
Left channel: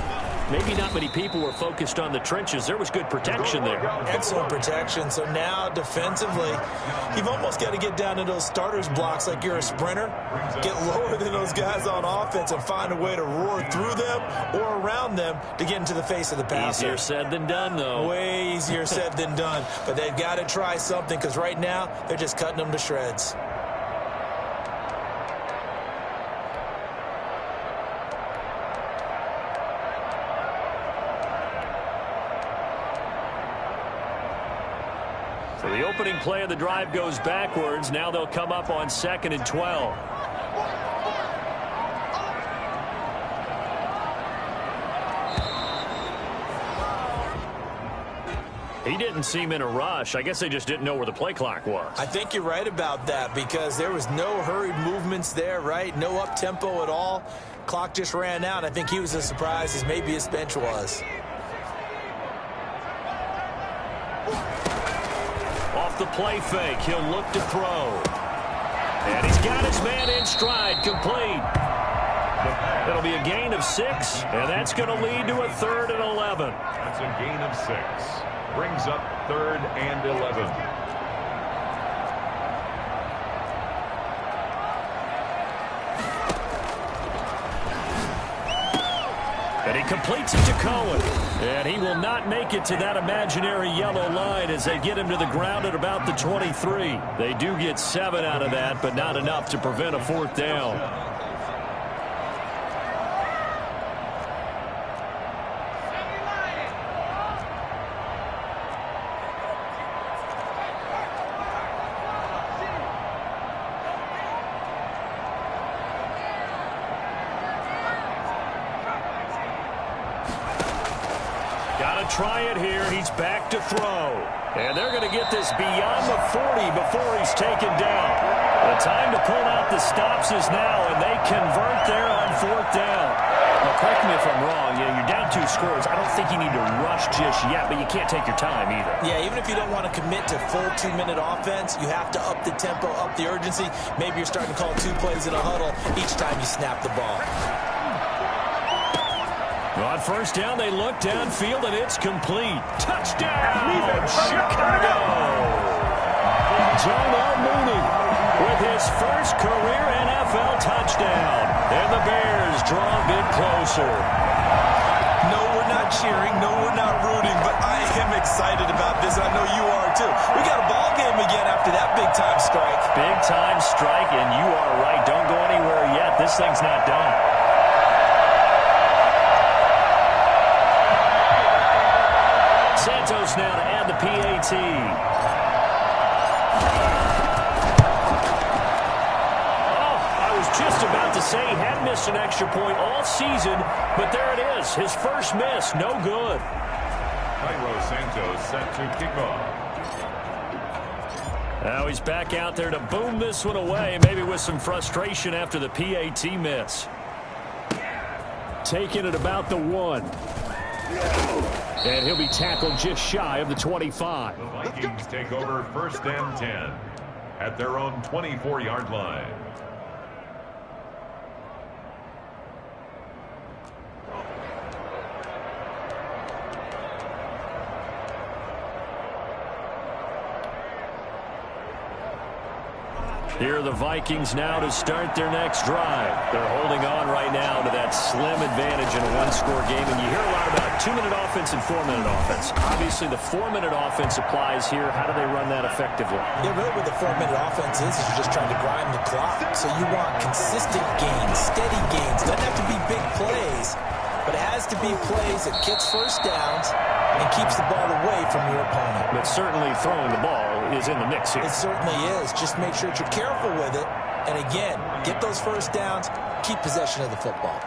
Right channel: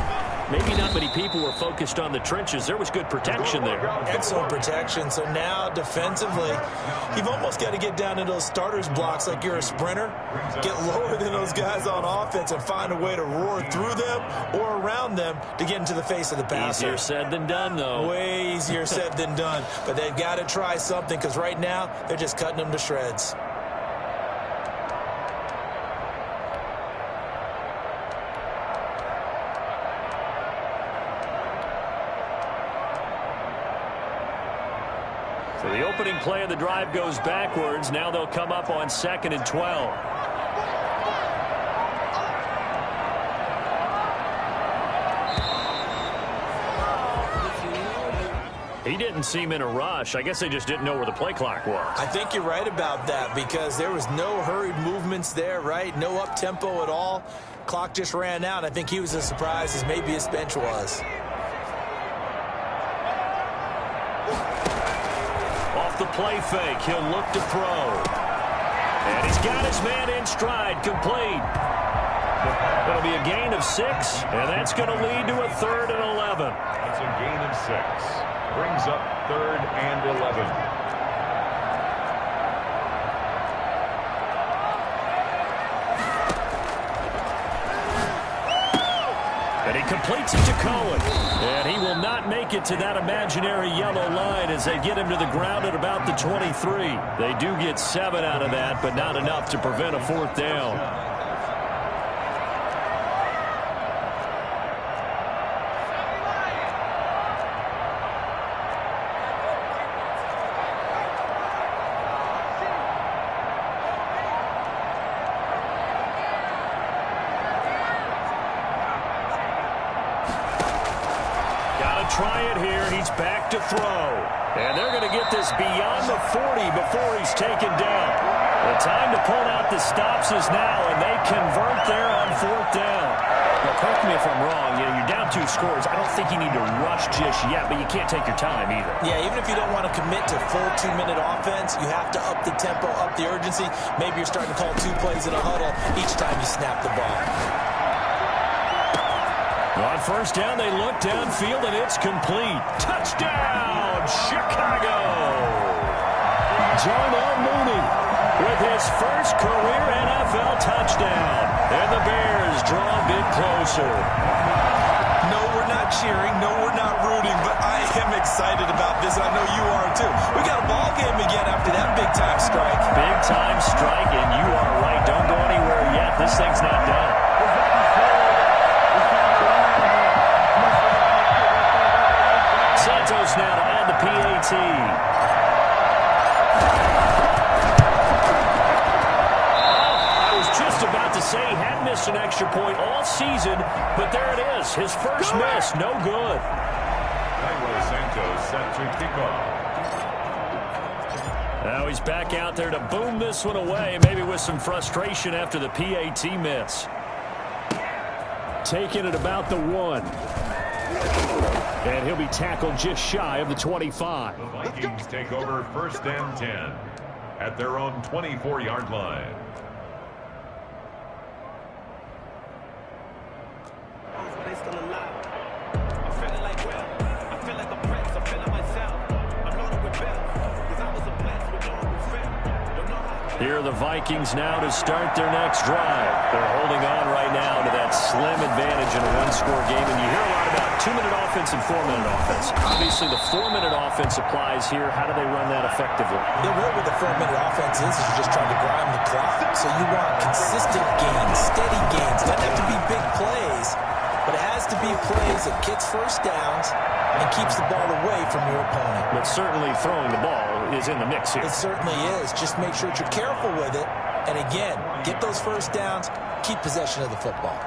Maybe not many people were focused on the trenches. There was good protection there. Excellent protection. So now, defensively, you've almost got to get down to those starters blocks like you're a sprinter. Get lower than those guys on offense and find a way to roar through them or around them to get into the face of the passer. Easier said than done, though. Way easier said than done. But they've got to try something because right now, they're just cutting them to shreds. So the opening play of the drive goes backwards. Now they'll come up on 2nd and 12. He didn't seem in a rush. I guess they just didn't know where the play clock was. I think you're right about that because there was no hurried movements there, right? No up-tempo at all. Clock just ran out. I think he was as surprised as maybe his bench was. Off the play fake, he'll look to throw. And he's got his man in stride, complete. It'll be a gain of 6, and that's going to lead to a 3rd and 11. That's a gain of 6. Brings up 3rd and 11. And he completes it to Cohen. And he will not make it to that imaginary yellow line as they get him to the ground at about the 23. They do get 7 out of that, but not enough to prevent a 4th down. Try it here. He's back to throw. And they're going to get this beyond the 40 before he's taken down. The time to pull out the stops is now, and they convert there on 4th down. Now, correct me if I'm wrong. You know, you're down 2 scores. I don't think you need to rush just yet, but you can't take your time either. Yeah, even if you don't want to commit to full 2-minute offense, you have to up the tempo, up the urgency. Maybe you're starting to call 2 plays in a huddle each time you snap the ball. On 1st down, they look downfield, and it's complete. Touchdown, Chicago! Darnell Mooney with his first career NFL touchdown. And the Bears draw a bit closer. No, we're not cheering. No, we're not rooting, but I am excited about this. I know you are, too. We got a ball game again after that big-time strike. Big-time strike, and you are right. Don't go anywhere yet. This thing's not done. Santos now to add the PAT. Oh, I was just about to say he hadn't missed an extra point all season, but there it is. His first miss, no good. Cairo Santos set to kickoff. Now he's back out there to boom this one away, maybe with some frustration after the PAT miss. Taking it about the 1. And he'll be tackled just shy of the 25. The Vikings take over 1st and 10 at their own 24-yard line. Here are the Vikings now to start their next drive. They're holding on right now to that slim advantage in a 1-score game. And you hear a lot about 2-minute offense and 4-minute offense. Obviously, the 4-minute offense applies here. How do they run that effectively? Yeah, really what the 4-minute offense is you're just trying to grind the clock. So you want consistent gains, steady gains. Doesn't have to be big plays, but it has to be plays that gets 1st downs and keeps the ball away from your opponent. But certainly throwing the ball is in the mix here. It certainly is. Just make sure that you're careful with it. And again, get those 1st downs, keep possession of the football.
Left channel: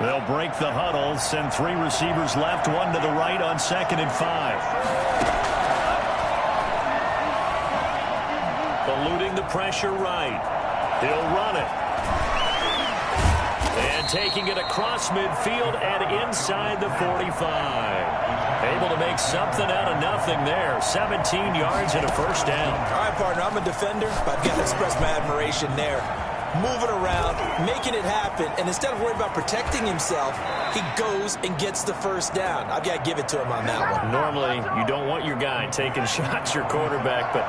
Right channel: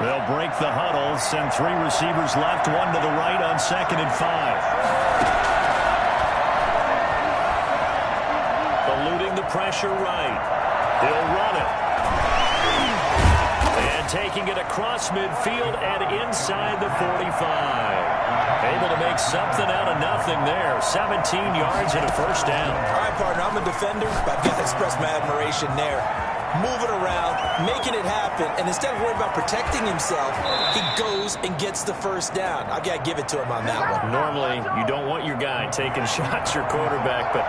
They'll break the huddle, send 3 receivers left, 1 to the right on 2nd and 5. Eluding the pressure right. He'll run it. And taking it across midfield and inside the 45. Able to make something out of nothing there. 17 yards and a first down. All right, partner, I'm a defender, but I've got to express my admiration there. Moving around, making it happen, and instead of worrying about protecting himself, he goes and gets the first down. I've got to give it to him on that one. Normally, you don't want your guy taking shots, your quarterback, but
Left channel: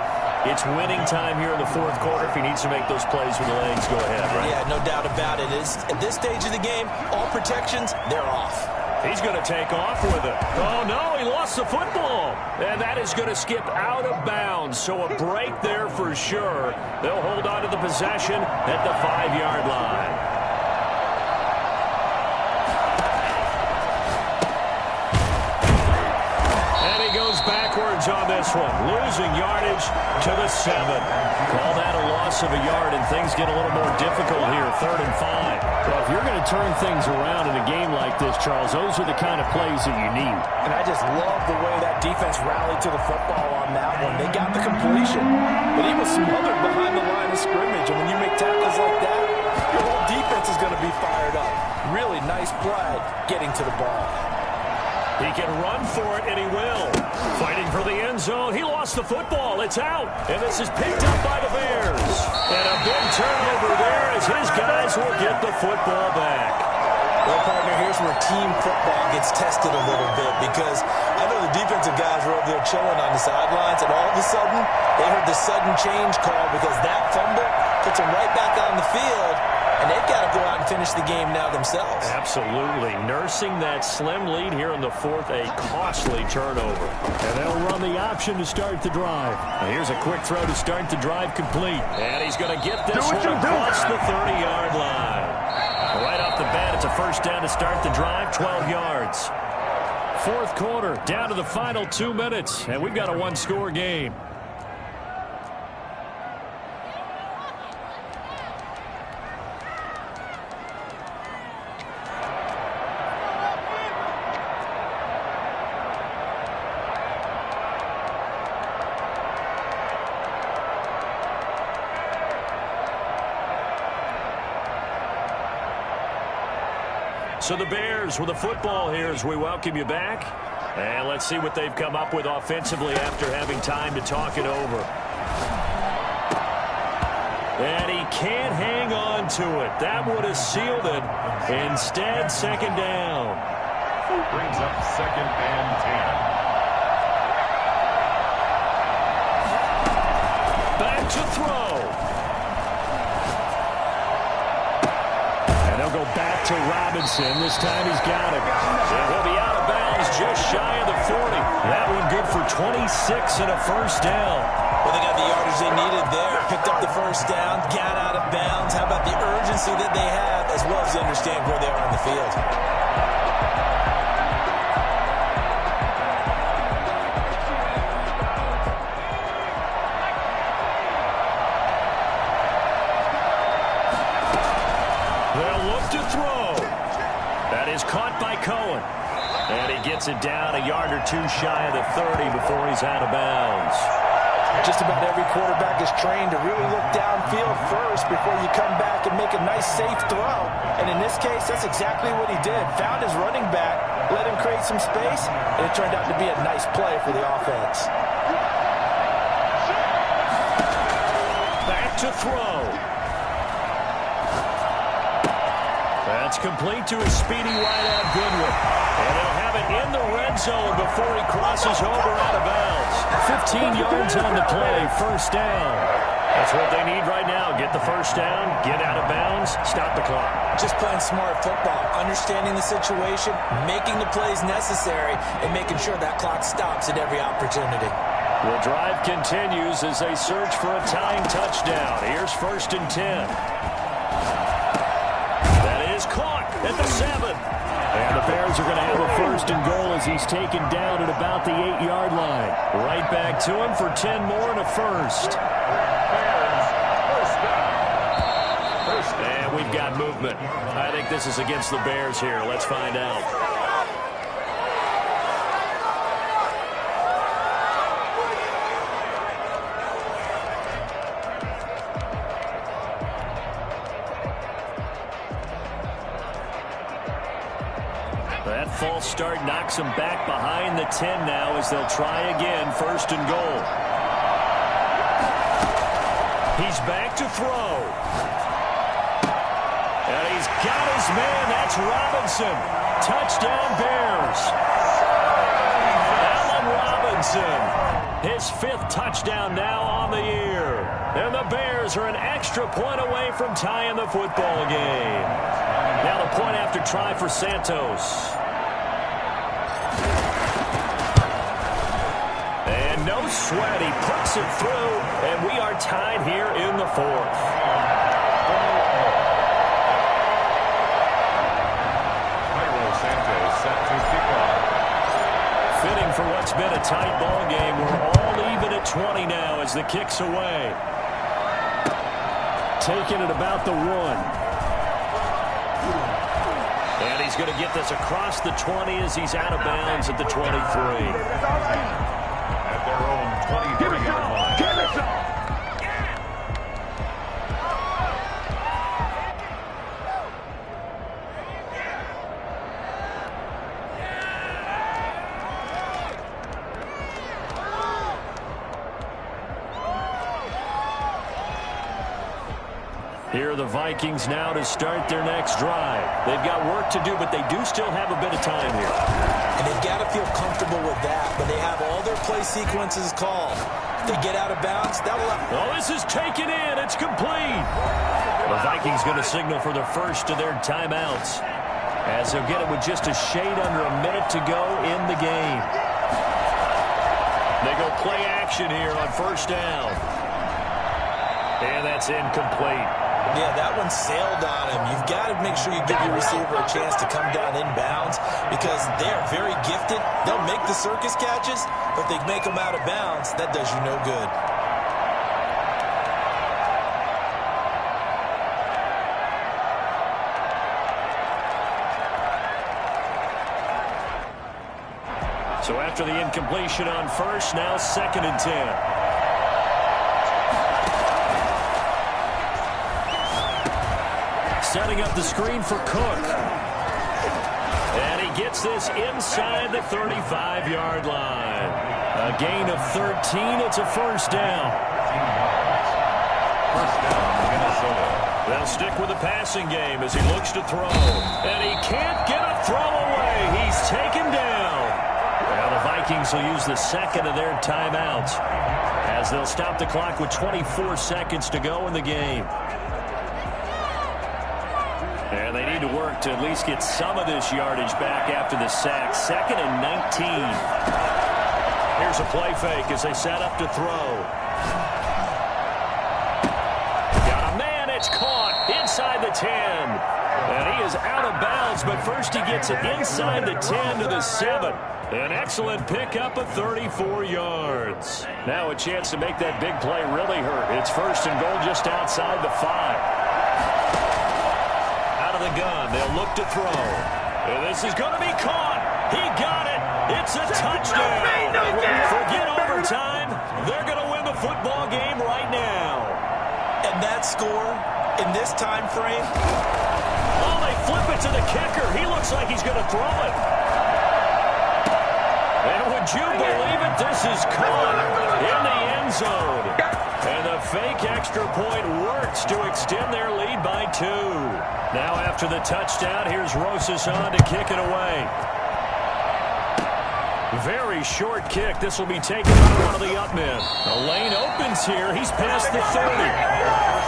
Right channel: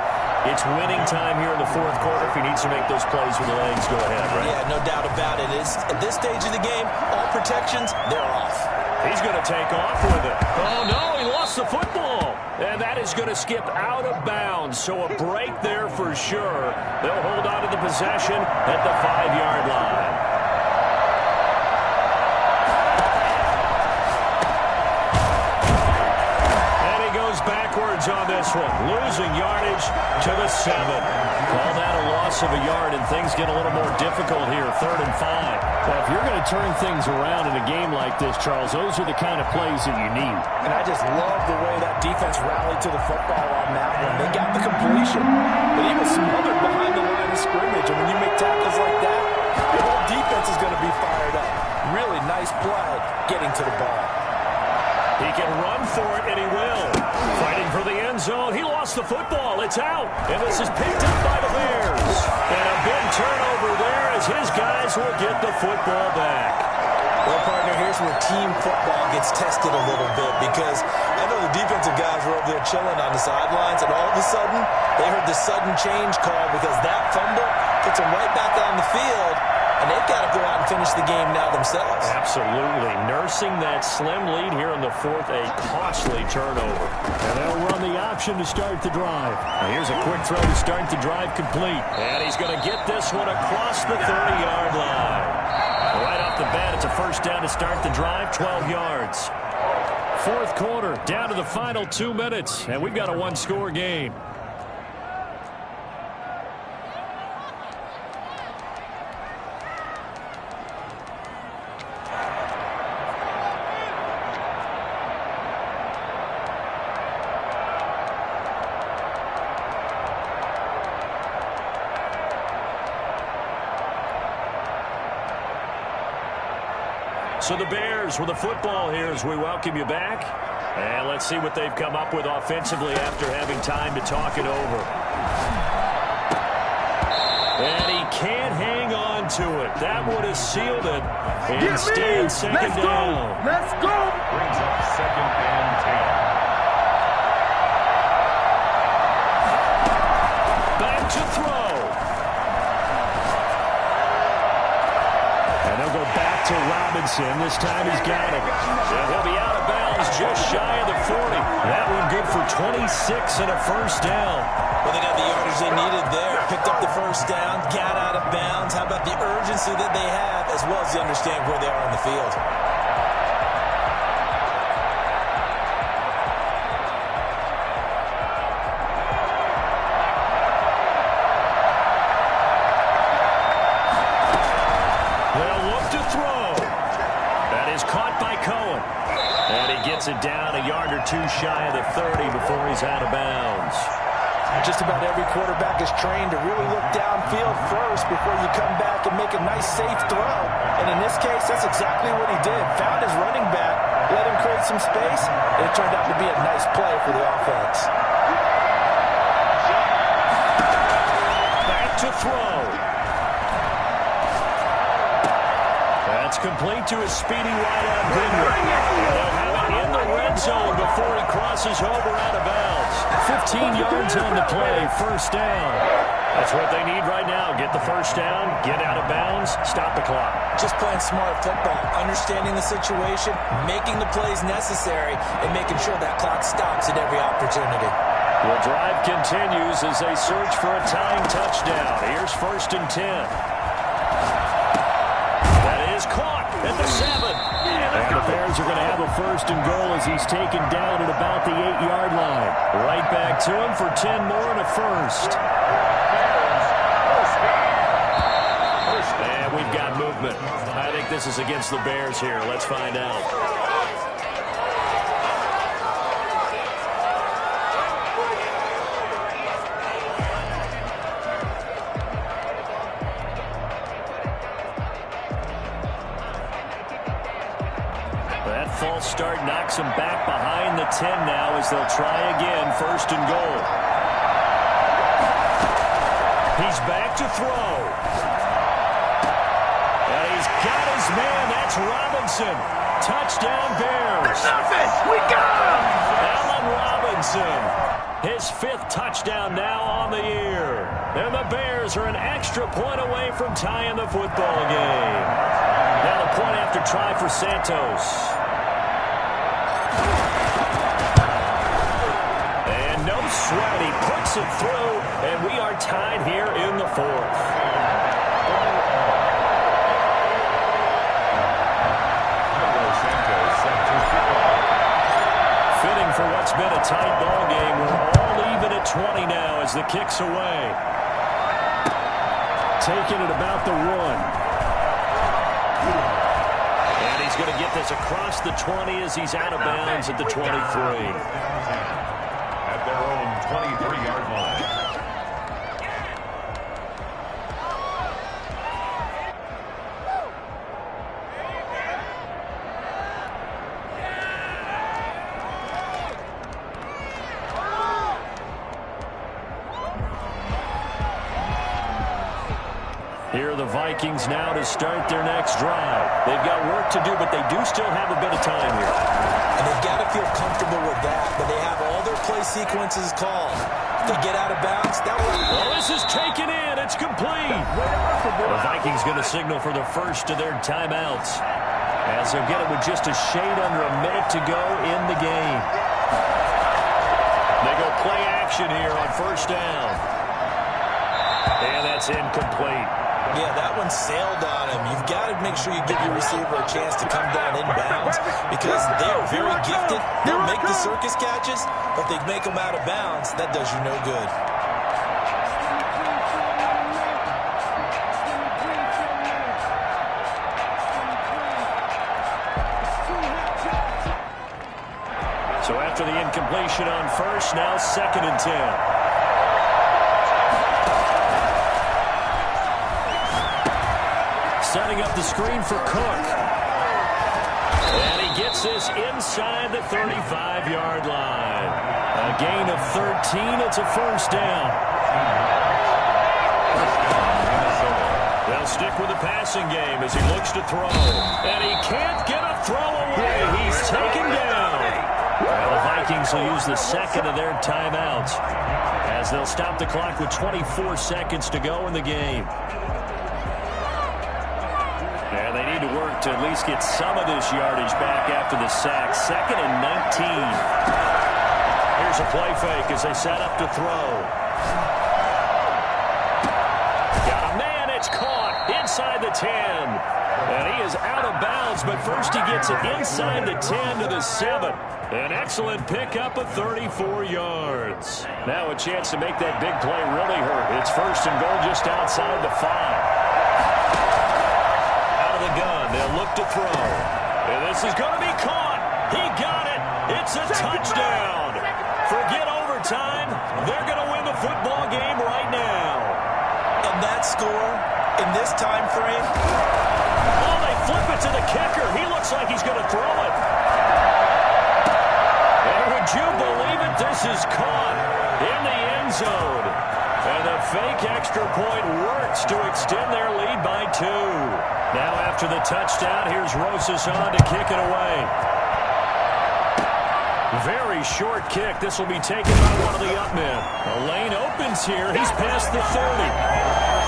it's winning time here in the fourth quarter. If he needs to make those plays with the legs, go ahead, right? Yeah, no doubt about it. At this stage of the game, all protections, they're off. He's going to take off with it. Oh, no, he lost the football. And that is going to skip out of bounds. So a break there for sure. They'll hold on to the possession at the 5-yard line. And he goes backwards on this one. Losing yardage to the 7. Call that a loss of a yard, and things get a little more difficult here. 3rd and 5. Well, if you're going to turn things around in a game like this, Charles, those are the kind of plays that you need. And I just love the way that defense rallied to the football on that one. They got the completion, but he was smothered behind the line of scrimmage. And when you make tackles like that, your whole defense is going to be fired up. Really nice play getting to the ball. He can run for it, and he will. Fighting for the end zone. He lost the football. It's out. And this is picked up by the Bears. And a big turnover there as his guys will get the football back. Well, partner, here's where team football gets tested a little bit, because I know the defensive guys were over there chilling on the sidelines, and all of a sudden, they heard the sudden change call because that fumble puts them right back on the field. And they've got to go out and finish the game now themselves. Absolutely. Nursing that slim lead here in the 4th, a costly turnover. And they'll run the option to start the drive. Now here's a quick throw to start the drive complete. And he's going to get this one across the 30-yard line. Right off the bat, it's a first down to start the drive, 12 yards. 4th quarter, down to the final 2 minutes. And we've got a one-score game. So the Bears with the football here as we welcome you back. And let's see what they've come up with offensively after having time to talk it over. And he can't hang on to it. That would have sealed it. Instead, second down. Let's go. Brings up 2nd and 10. Back to throw. And they'll go back to Robinson. This time he's got it. And he'll be out of bounds just shy of the 40. That one good for 26 and a first down. Well, they got the yardage they needed there. Picked up the first down, got out of bounds. How about the urgency that they have, as well as they understand where they are on the field? They'll look to throw. That is caught by Cohen. And he gets it down a yard or two shy of the 30 before he's out of bounds. Just about every quarterback is trained to really look downfield first before you come back and make a nice, safe throw. And in this case, that's exactly what he did. Found his running back, let him create some space, and it turned out to be a nice play for the offense. Back to throw. That's complete to a speedy wideout Goodwin. And they'll have it in the red zone before he crosses over out of bounds. 15 yards on the play, first down. That's what they need right now. Get the first down, get out of bounds, stop the clock. Just playing smart football, understanding the situation, making the plays necessary, and making sure that clock stops at every opportunity. The drive continues as they search for a tying touchdown. Here's 1st and 10. That is caught at the 7. And the Bears are going to have a 1st and goal as he's taken down at about the 8-yard line. Right back to him for 10 more and a first. Bears, first down. And we've got movement. I think this is against the Bears here. Let's find out. That false start knocks them back behind the 10 now as they'll try again, 1st and goal. He's back to throw. And he's got his man. That's Robinson. Touchdown, Bears. Allen Robinson. His 5th touchdown now on the year. And the Bears are an extra point away from tying the football game. Now the point after try for Santos. And no sweat. He puts it through, and we are tied here in the 4th. Santos set to kick off. Fitting for what's been a tight ball game. We're all even at 20 now as the kick's away. Taking it about the 1. And he's going to get this across the 20 as he's out of bounds at the 23. At their own 23-yard line. Here are the Vikings now to start their next drive. They've got work to do, but they do still have a bit of time here. And they've got to feel comfortable with that, but they have all their play sequences called. If they get out of bounds, that'll... Oh, this is taken in. It's complete. The Vikings going to signal for the first of their timeouts, as they'll get it with just a shade under a minute to go in the game. They go play action here on 1st down. And that's incomplete. Yeah, that one sailed on him. You've got to make sure you give your receiver a chance to come down inbounds because they're very gifted. They'll make the circus catches, but they make them out of bounds. That does you no good. So after the incompletion on 1st, now 2nd and 10. Setting up the screen for Cook. And he gets this inside the 35-yard line. A gain of 13. It's a 1st down. 1st down, Minnesota. They'll stick with the passing game as he looks to throw. And he can't get a throw away. He's taken down. Well, the Vikings will use the 2nd of their timeouts as they'll stop the clock with 24 seconds to go in the game. And they need to work to at least get some of this yardage back after the sack. 2nd and 19. Here's a play fake as they set up to throw. Got a man. It's caught inside the 10. And he is out of bounds, but first he gets it inside the 10 to the 7. An excellent pickup of 34 yards. Now a chance to make that big play really hurt. It's 1st and goal just outside the 5. Out of the gun, they'll look to throw. And this is going to be caught. He got it. It's a touchdown. Forget overtime. They're going to win the football game right now. And that score in this time frame. Oh, they flip it to the kicker. He looks like he's going to throw it. And would you believe it? This is caught in the end zone. And the fake extra point works to extend their lead by 2. Now after the touchdown, here's Runzzz on to kick it away. Very short kick. This will be taken by one of the up men. The lane opens here. He's past the 30.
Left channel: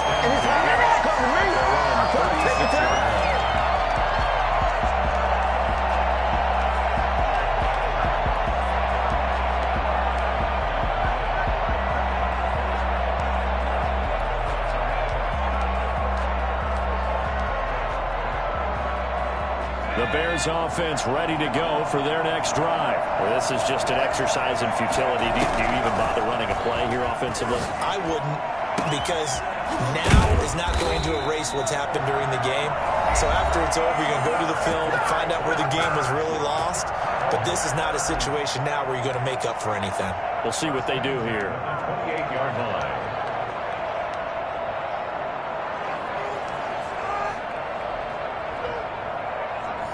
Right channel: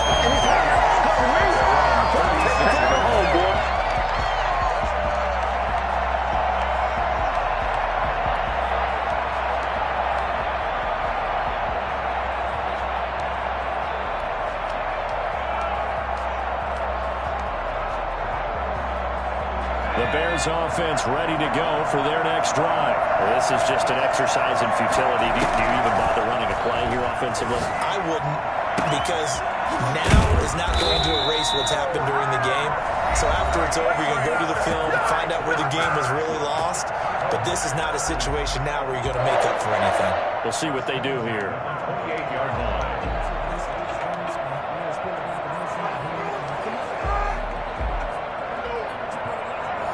The Bears offense ready to go for their next drive. Well, this is just an exercise in futility. Do you even bother running a play here offensively? I wouldn't, because now is not going to erase what's happened during the game. So after it's over, you're going to go to the film, find out where the game was really lost. But this is not a situation now where you're going to make up for anything. We'll see what they do here. 28-yard line.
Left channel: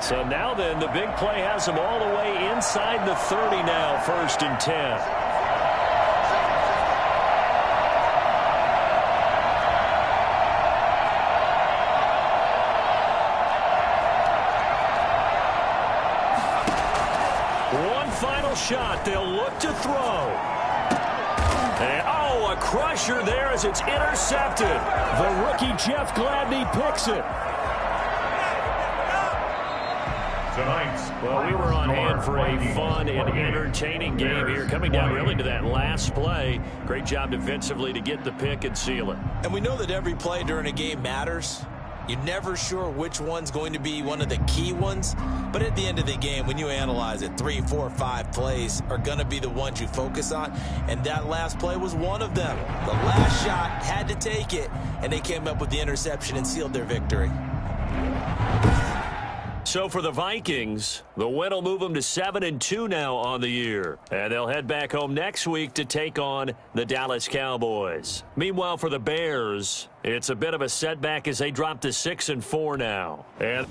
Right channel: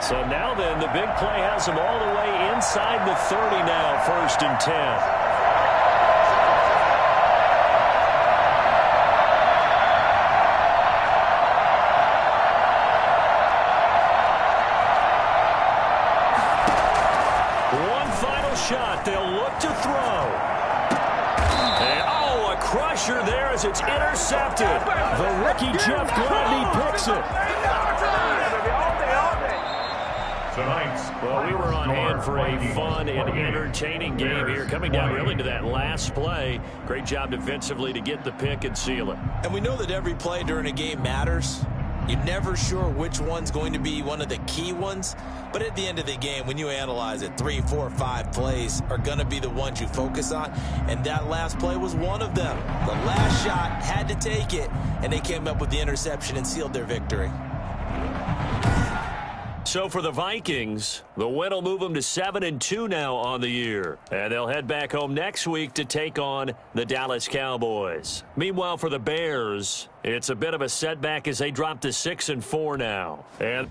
So now then, the big play has them all the way inside the 30 now, 1st and 10. Final shot. They'll look to throw. And, oh, a crusher there as it's intercepted. The rookie Jeff Gladney picks it. Well, we were on hand for a fun and entertaining game here. Coming down really to that last play. Great job defensively to get the pick and seal it. And we know that every play during a game matters. You're never sure which one's going to be one of the key ones. But at the end of the game, when you analyze it, 3, 4, 5 plays are going to be the ones you focus on. And that last play was one of them. The last shot had to take it, and they came up with the interception and sealed their victory. So for the Vikings, the win will move them to 7-2 now on the year. And they'll head back home next week to take on the Dallas Cowboys. Meanwhile, for the Bears, it's a bit of a setback as they drop to 6-4 now. And